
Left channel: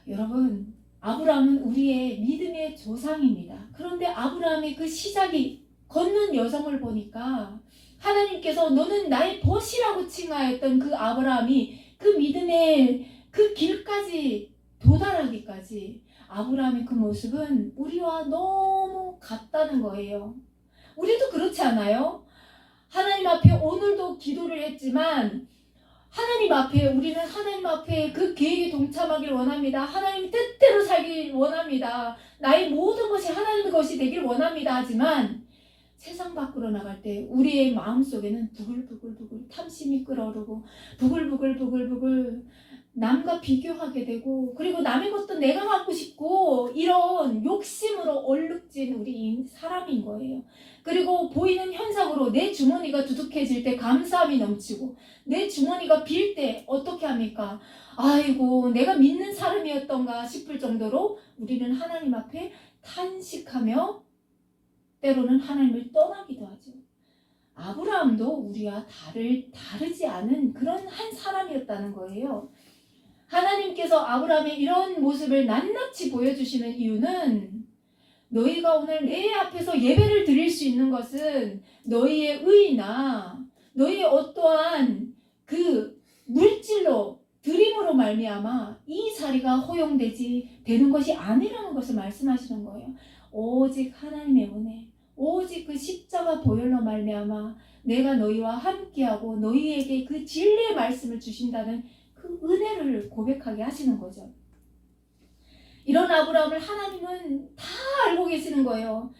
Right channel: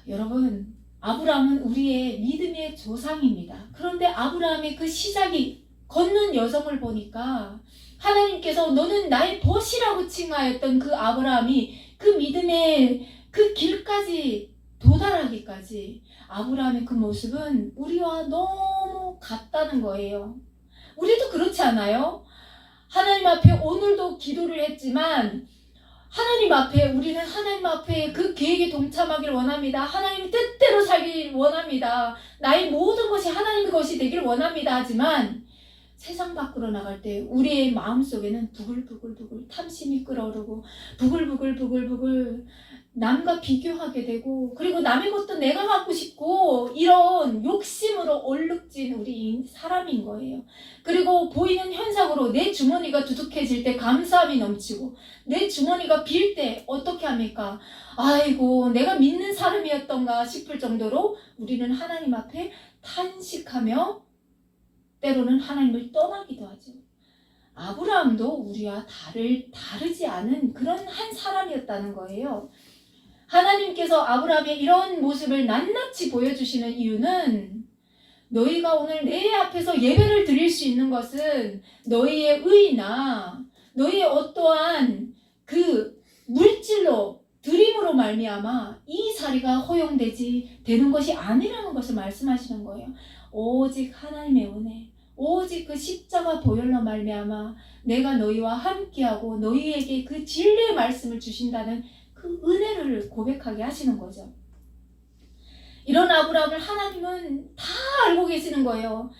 여러분, 아브라함은 우리의 믿음의 조상입니다. 그런데 아브라함의 그 시작이 걷는 여정을 보니까 하나님께서 너는 나의 벗이라고 칭하였던 그 아브라함이 그 믿음의 그 길까지 도달하기까지 아브라함의 그 모습은 우리와 너무 같다는 거예요. 우리도 그렇지 않아요? 하나님 앞에 오늘도 기도를 했지만 하나님 앞에 우리는 하나님 앞에 그 계획에 동참하길 원합니다. 하나님 뜻대로 살길 원합니다. 나의 모든 것이 하나님 것이 되길 원합니다. 하지만 세상 밖으로 나갈 때 우리의 마음속에는 부글부글부글 탐심이 끓어오르고 부글부글 남과 비교하게 되고 그리고 남의 것도 내가 갖고 싶고 이런 욕심으로 얼룩진 우리 사람인 거예요. 그리고 보이는 현상으로 내 주머니가 두둑해질 때 감사함이 넘치고 내 주머니가 빌 때 어떻게 합니까? 아이고 내가 믿는 사람이었던가 싶을 정도로 우리는 하나님 앞에 탄식하며 때로는 하나님을 떠나기도 하죠. 아브라함도 우리와 다르지 않은 그런 한 사람이었다는 거예요. 하나님께서 아브라함의 이런 모습을 낱낱이 보여주시는 이유는 너희가 오늘 내 앞에서 예배를 드릴 수 있는 것은 너희의 의나 너희의 어떠한 그 물질로 드림으로 말미암아 이 자리가 허용되지 되는 것이 아니라는 것을 말씀하시는 거예요. 오직 하나님의 은혜, 오직 그 십자가 보혈로 말미암아 내가 너희와 함께하고 너희에게 그 진리의 말씀을 주신다는 그 은혜를 고백하게 하시는 거죠. 이런 아브라함을 하나님은 다 알고 계시는 거예요.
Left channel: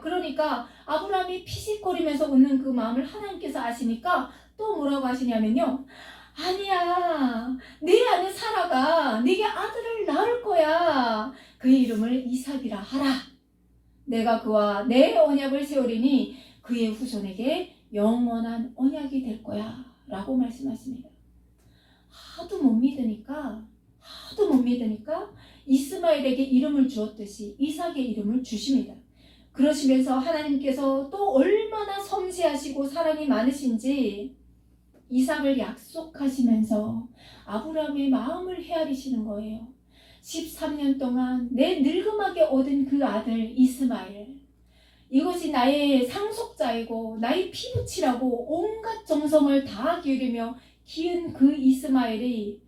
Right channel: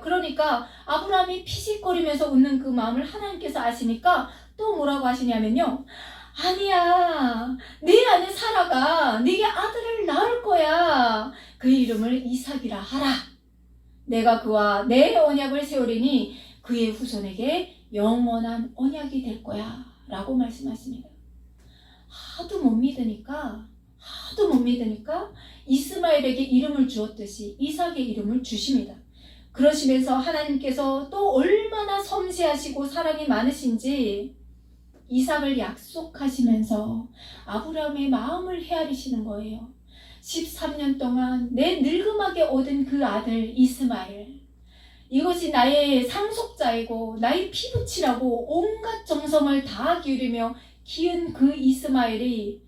그러니까 아브라함이 피식거리면서 웃는 그 마음을 하나님께서 아시니까 또 뭐라고 하시냐면요. 아니야, 네 아내 사라가 네게 아들을 낳을 거야. 그 이름을 이삭이라 하라. 내가 그와 내 언약을 세우리니 그의 후손에게 영원한 언약이 될 거야 라고 말씀하십니다. 하도 못 믿으니까 이스마엘에게 이름을 주었듯이 이삭의 이름을 주십니다. 그러시면서 하나님께서 또 얼마나 섬세하시고 사랑이 많으신지 이삭을 약속하시면서 아브라함의 마음을 헤아리시는 거예요. 13년 동안 내 늙음하게 얻은 그 아들 이스마엘, 이것이 나의 상속자이고 나의 피부치라고 온갖 정성을 다 기울이며 키운 그 이스마엘이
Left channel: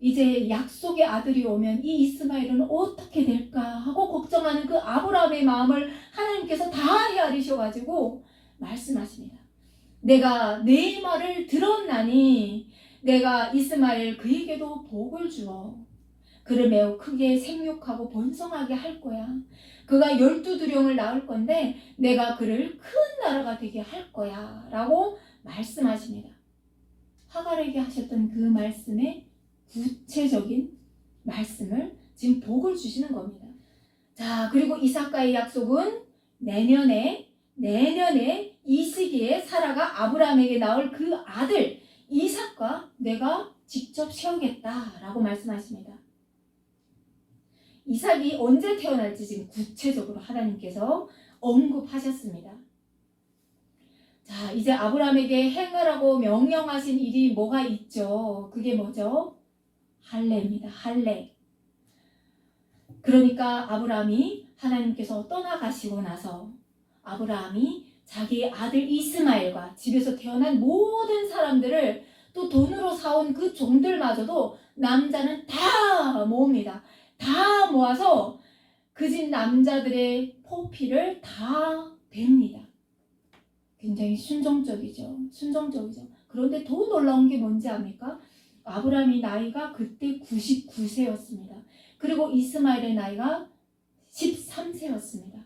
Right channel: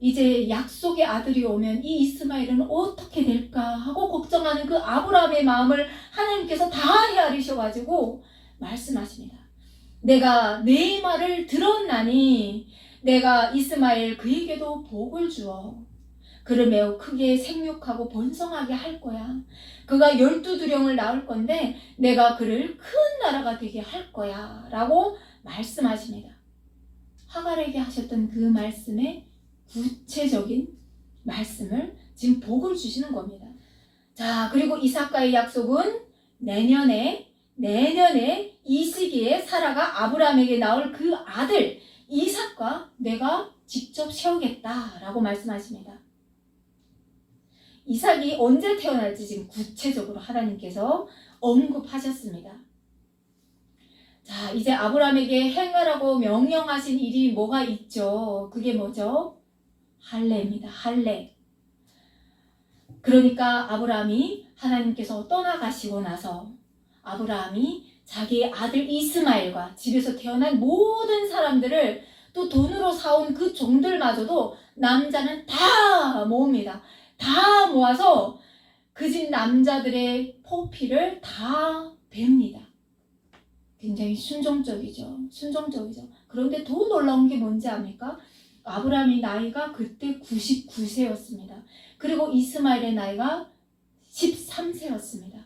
이제 약속의 아들이 오면 이 이스마엘은 어떻게 될까 하고 걱정하는 그 아브라함의 마음을 하나님께서 다 헤아리셔가지고 말씀하십니다. 내가 내 말을 들었나니 내가 이스마엘 그에게도 복을 주어 그를 매우 크게 생육하고 번성하게 할 거야. 그가 12두령을 낳을 건데 내가 그를 큰 나라가 되게 할 거야 라고 말씀하십니다. 하갈에게 하셨던 그 말씀의 구체적인 말씀을 지금 복을 주시는 겁니다. 자, 그리고 이삭과의 약속은 내년에 이 시기에 사라가 아브라함에게 낳을 그 아들 이삭과 내가 직접 세우겠다라고 말씀하십니다. 이삭이 언제 태어날지 지금 구체적으로 하나님께서 언급하셨습니다. 자, 이제 아브라함에게 행하라고 명령하신 일이 뭐가 있죠? 그게 뭐죠? 할례입니다. 할례. 그러니까 아브라함이 하나님께서 떠나가시고 나서 아브라함이 자기의 아들 이스마엘과 집에서 태어난 모든 사람들을 또 돈으로 사온 그 종들마저도 남자는 다 모읍니다. 다 모아서 그 집 남자들의 포피를 다 뱁니다. 굉장히 순종적이죠. 그런데 더 놀라운 게 뭔지 압니까? 아브라함의 나이가 그때 99세였습니다. 그리고 이스마엘의 나이가 13세였습니다.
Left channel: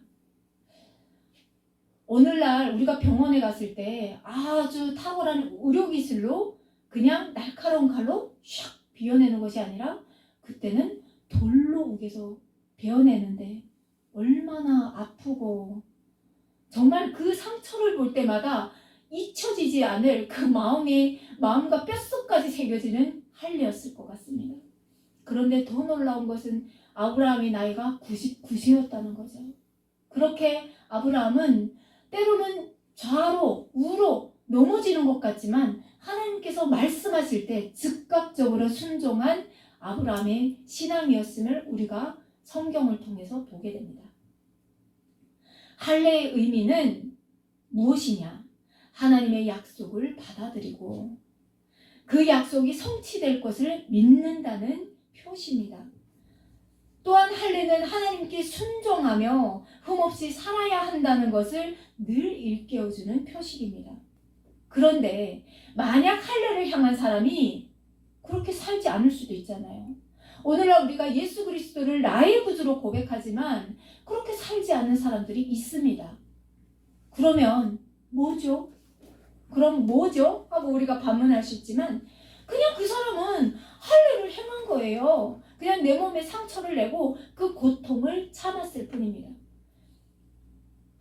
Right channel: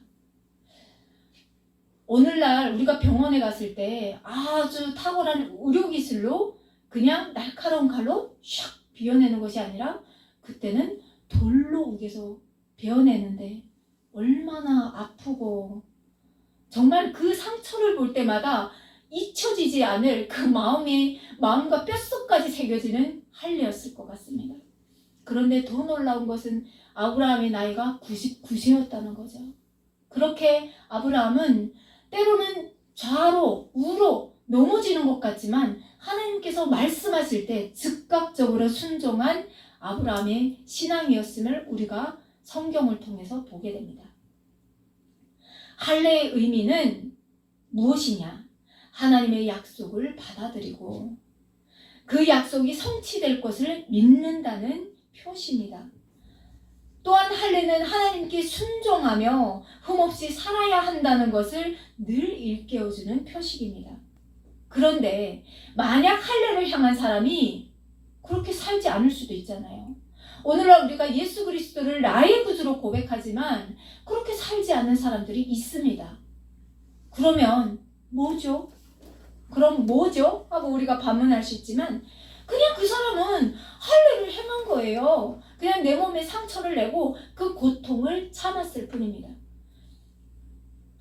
오늘날 우리가 병원에 갔을 때 아주 탁월한 의료기술로 그냥 날카로운 칼로 샥 비워내는 것이 아니라 그때는 돌로 우겨서 베어내는데 얼마나 아프고 정말 그 상처를 볼 때마다 잊혀지지 않을 그 마음과 뼛속까지 새겨지는 할례였을 것 같습니다. 그런데 더 놀라운 것은 아브라함의 나이가 99세였다는 거죠. 그렇게 아브라함은 때로는 좌로 우로 넘어지는 것 같지만 하나님께서 말씀하실 때 즉각적으로 순종한 아브라함의 신앙이었음을 우리가 성경을 통해서 보게 됩니다. 할례의 의미는 무엇이냐? 하나님의 약속을 받아들이고 그 약속이 성취될 것을 믿는다는 표시입니다. 또한 할례는 하나님께 순종하며 흠없이 살아야 한다는 것을 늘 일깨워주는 표식입니다. 그런데 만약 할례를 향한 사람이 그렇게 살지 않을 수도 있잖아요. 오늘날 우리가 예수 그리스도를 나의 구주로 고백하지만 그렇게 살지 않는 사람들이 있습니다. 그러면 뭐죠? 그럼 뭐죠? 하고 우리가 반문할 수 있지만 그냥 그 사람은 할례를 행한 거예요. 그냥 내 몸에 상처를 내고 그 고통을 참았을 뿐입니다.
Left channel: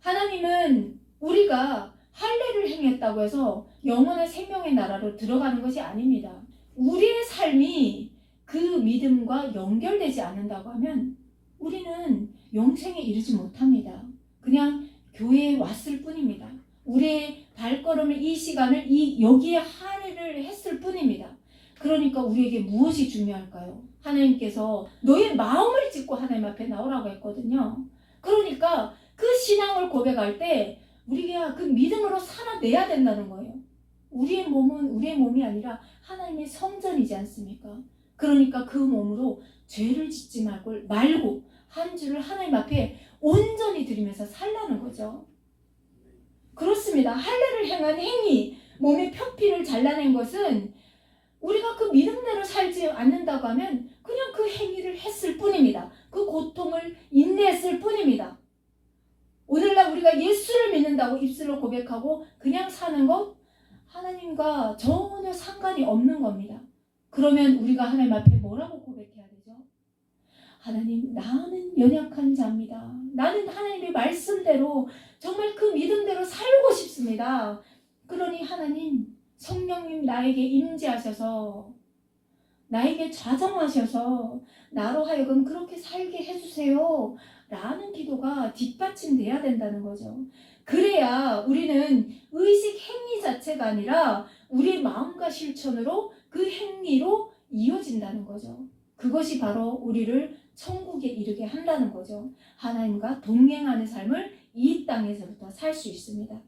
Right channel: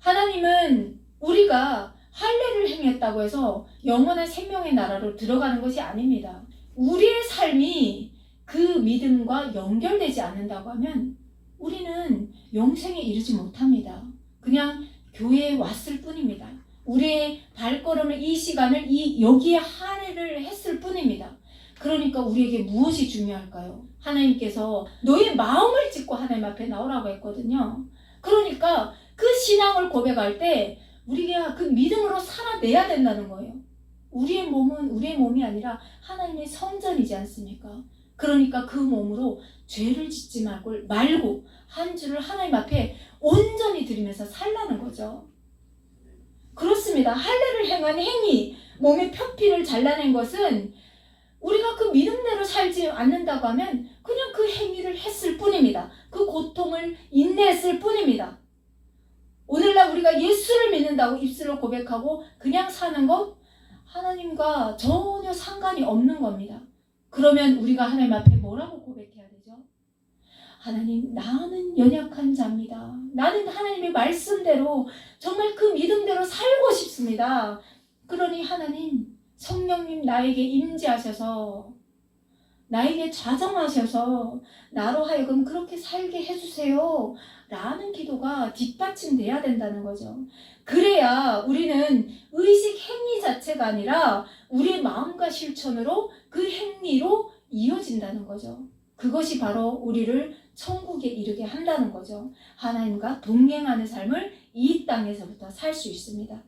하나님은 우리가 할례를 행했다고 해서 영원한 생명의 나라로 들어가는 것이 아닙니다. 우리의 삶이 그 믿음과 연결되지 않는다고 하면 우리는 영생에 이르지 못합니다. 그냥 교회에 왔을 뿐입니다. 우리의 발걸음을 이 시간을 여기에 할애를 했을 뿐입니다. 그러니까 우리에게 무엇이 중요할까요? 하나님께서 너의 마음을 짓고 하나님 앞에 나오라고 했거든요. 그러니까 그 신앙을 고백할 때 우리가 그 믿음으로 살아내야 된다는 거예요. 우리의 몸은 우리의 몸이 아니라 하나님의 성전이지 않습니까? 그러니까 그 몸으로 죄를 짓지 말고 한 주를 하나님 앞에 온전히 드리면서 살라는 거죠. 그렇습니다. 할례를 행한 행위, 몸의 표피를 잘라낸 것은 우리가 그 믿음대로 살지 않는다고 하면 그냥 그 행위를 했을 뿐입니다. 그 고통을 인내했을 뿐입니다. 오늘날 우리가 예수를 믿는다고 입술로 고백하고 그냥 사는 것 하나님과 전혀 상관이 없는 겁니다. 그러면 우리가 하나님 앞에 뭐라고 고백해야 되죠? 하나님, 나는 연약한 자입니다. 나는 하나님의 말씀대로 정말 그 믿음대로 살고 싶습니다. 그러니 하나님, 성령님 나에게 임재하셔서 나에게 좌정하셔서 나로 하여금 그렇게 살게 해주세요 라는 기도가 뒷받침돼야 된다는 거죠. 그래야 우리는 의식 행위 자체가 아니라 우리의 마음과 실천으로 그 행위로 이어진다는 거죠. 그것이 바로 우리를 천국에 이르게 한다는 거죠. 하나님과 동행하는 삶을 이 땅에서부터 살 수 있습니다.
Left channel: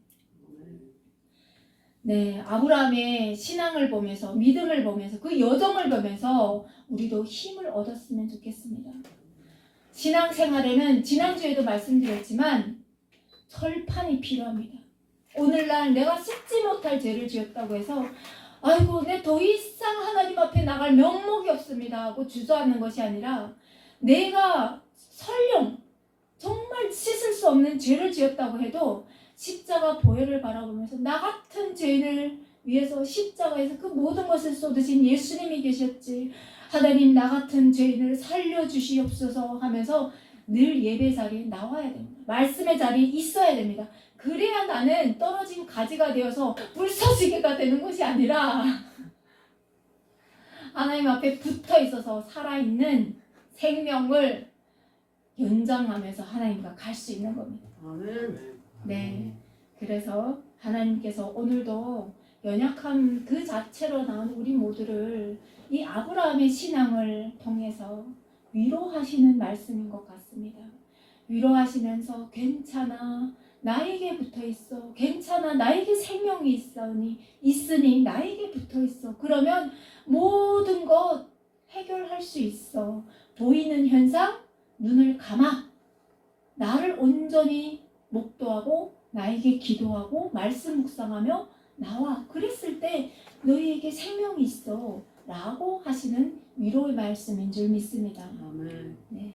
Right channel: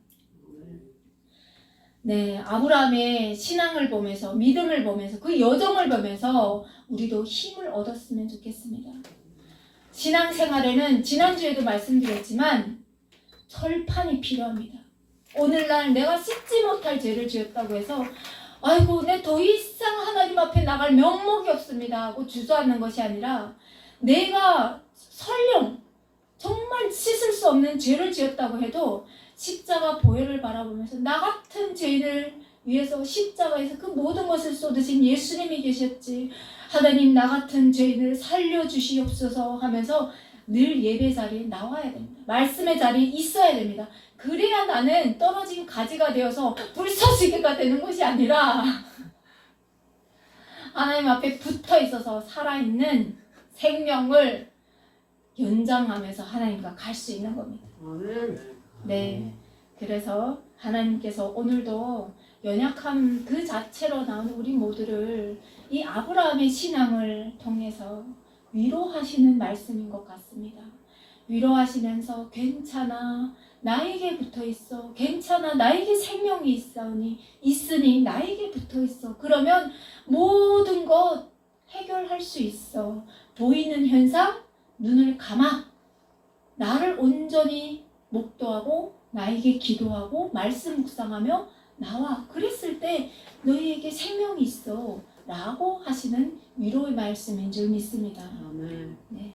네, 아브라함의 신앙을 보면서 믿음을 보면서 그 여정을 보면서 우리도 힘을 얻었으면 좋겠습니다. 신앙생활에는 지난주에도 말씀드렸지만 철판이 필요합니다. 오늘날 내가 씻지 못할 죄를 지었다고 해서 아이고 내 더 이상 하나님 앞에 나갈 명목이 없습니다 하고 주저하는 것이 아니라 내가 설령 정말 씻을 수 없는 죄를 지었다고 해도 십자가 보혈을 바라보면서 나 같은 죄를 위해서 십자가에서 그 모든 것을 쏟으신 예수님이 계셨지 하나님 나 같은 죄를 살려주시옵소서 하면서 늘 예배 자리에 나와야 됩니다. 말씀의 자리에 있어야 됩니다. 그래야 나는 떨어진 가지가 되어서 불서지게가 되는 것이 아니라 하나님 앞에 붙어 있어서 살아있는 생명을 연장하면서 하나님과 갈 수 있는 겁니다. 네, 그래서 하나님께서 오늘도 연약함 그 자체로 나온 우리 모두를 이 아브라함의 신앙을 통해서 위로하시는 말씀인 것 같습니다. 위로하시면서 괜찮아 나에게 붙어있어 괜찮아 나에게 생명이 있으니 나에게 붙어있어 그러면 모든 것 해결할 수 있어. 보이는 현상 눈을 감아 나를 온전히 목도하고 나에게 기도하고 말씀 묵상하며 나와 그랬을 때 너희에게 생명이 있어 라고 하시는 위로의 말씀인 줄 믿습니다. 아멘. 네.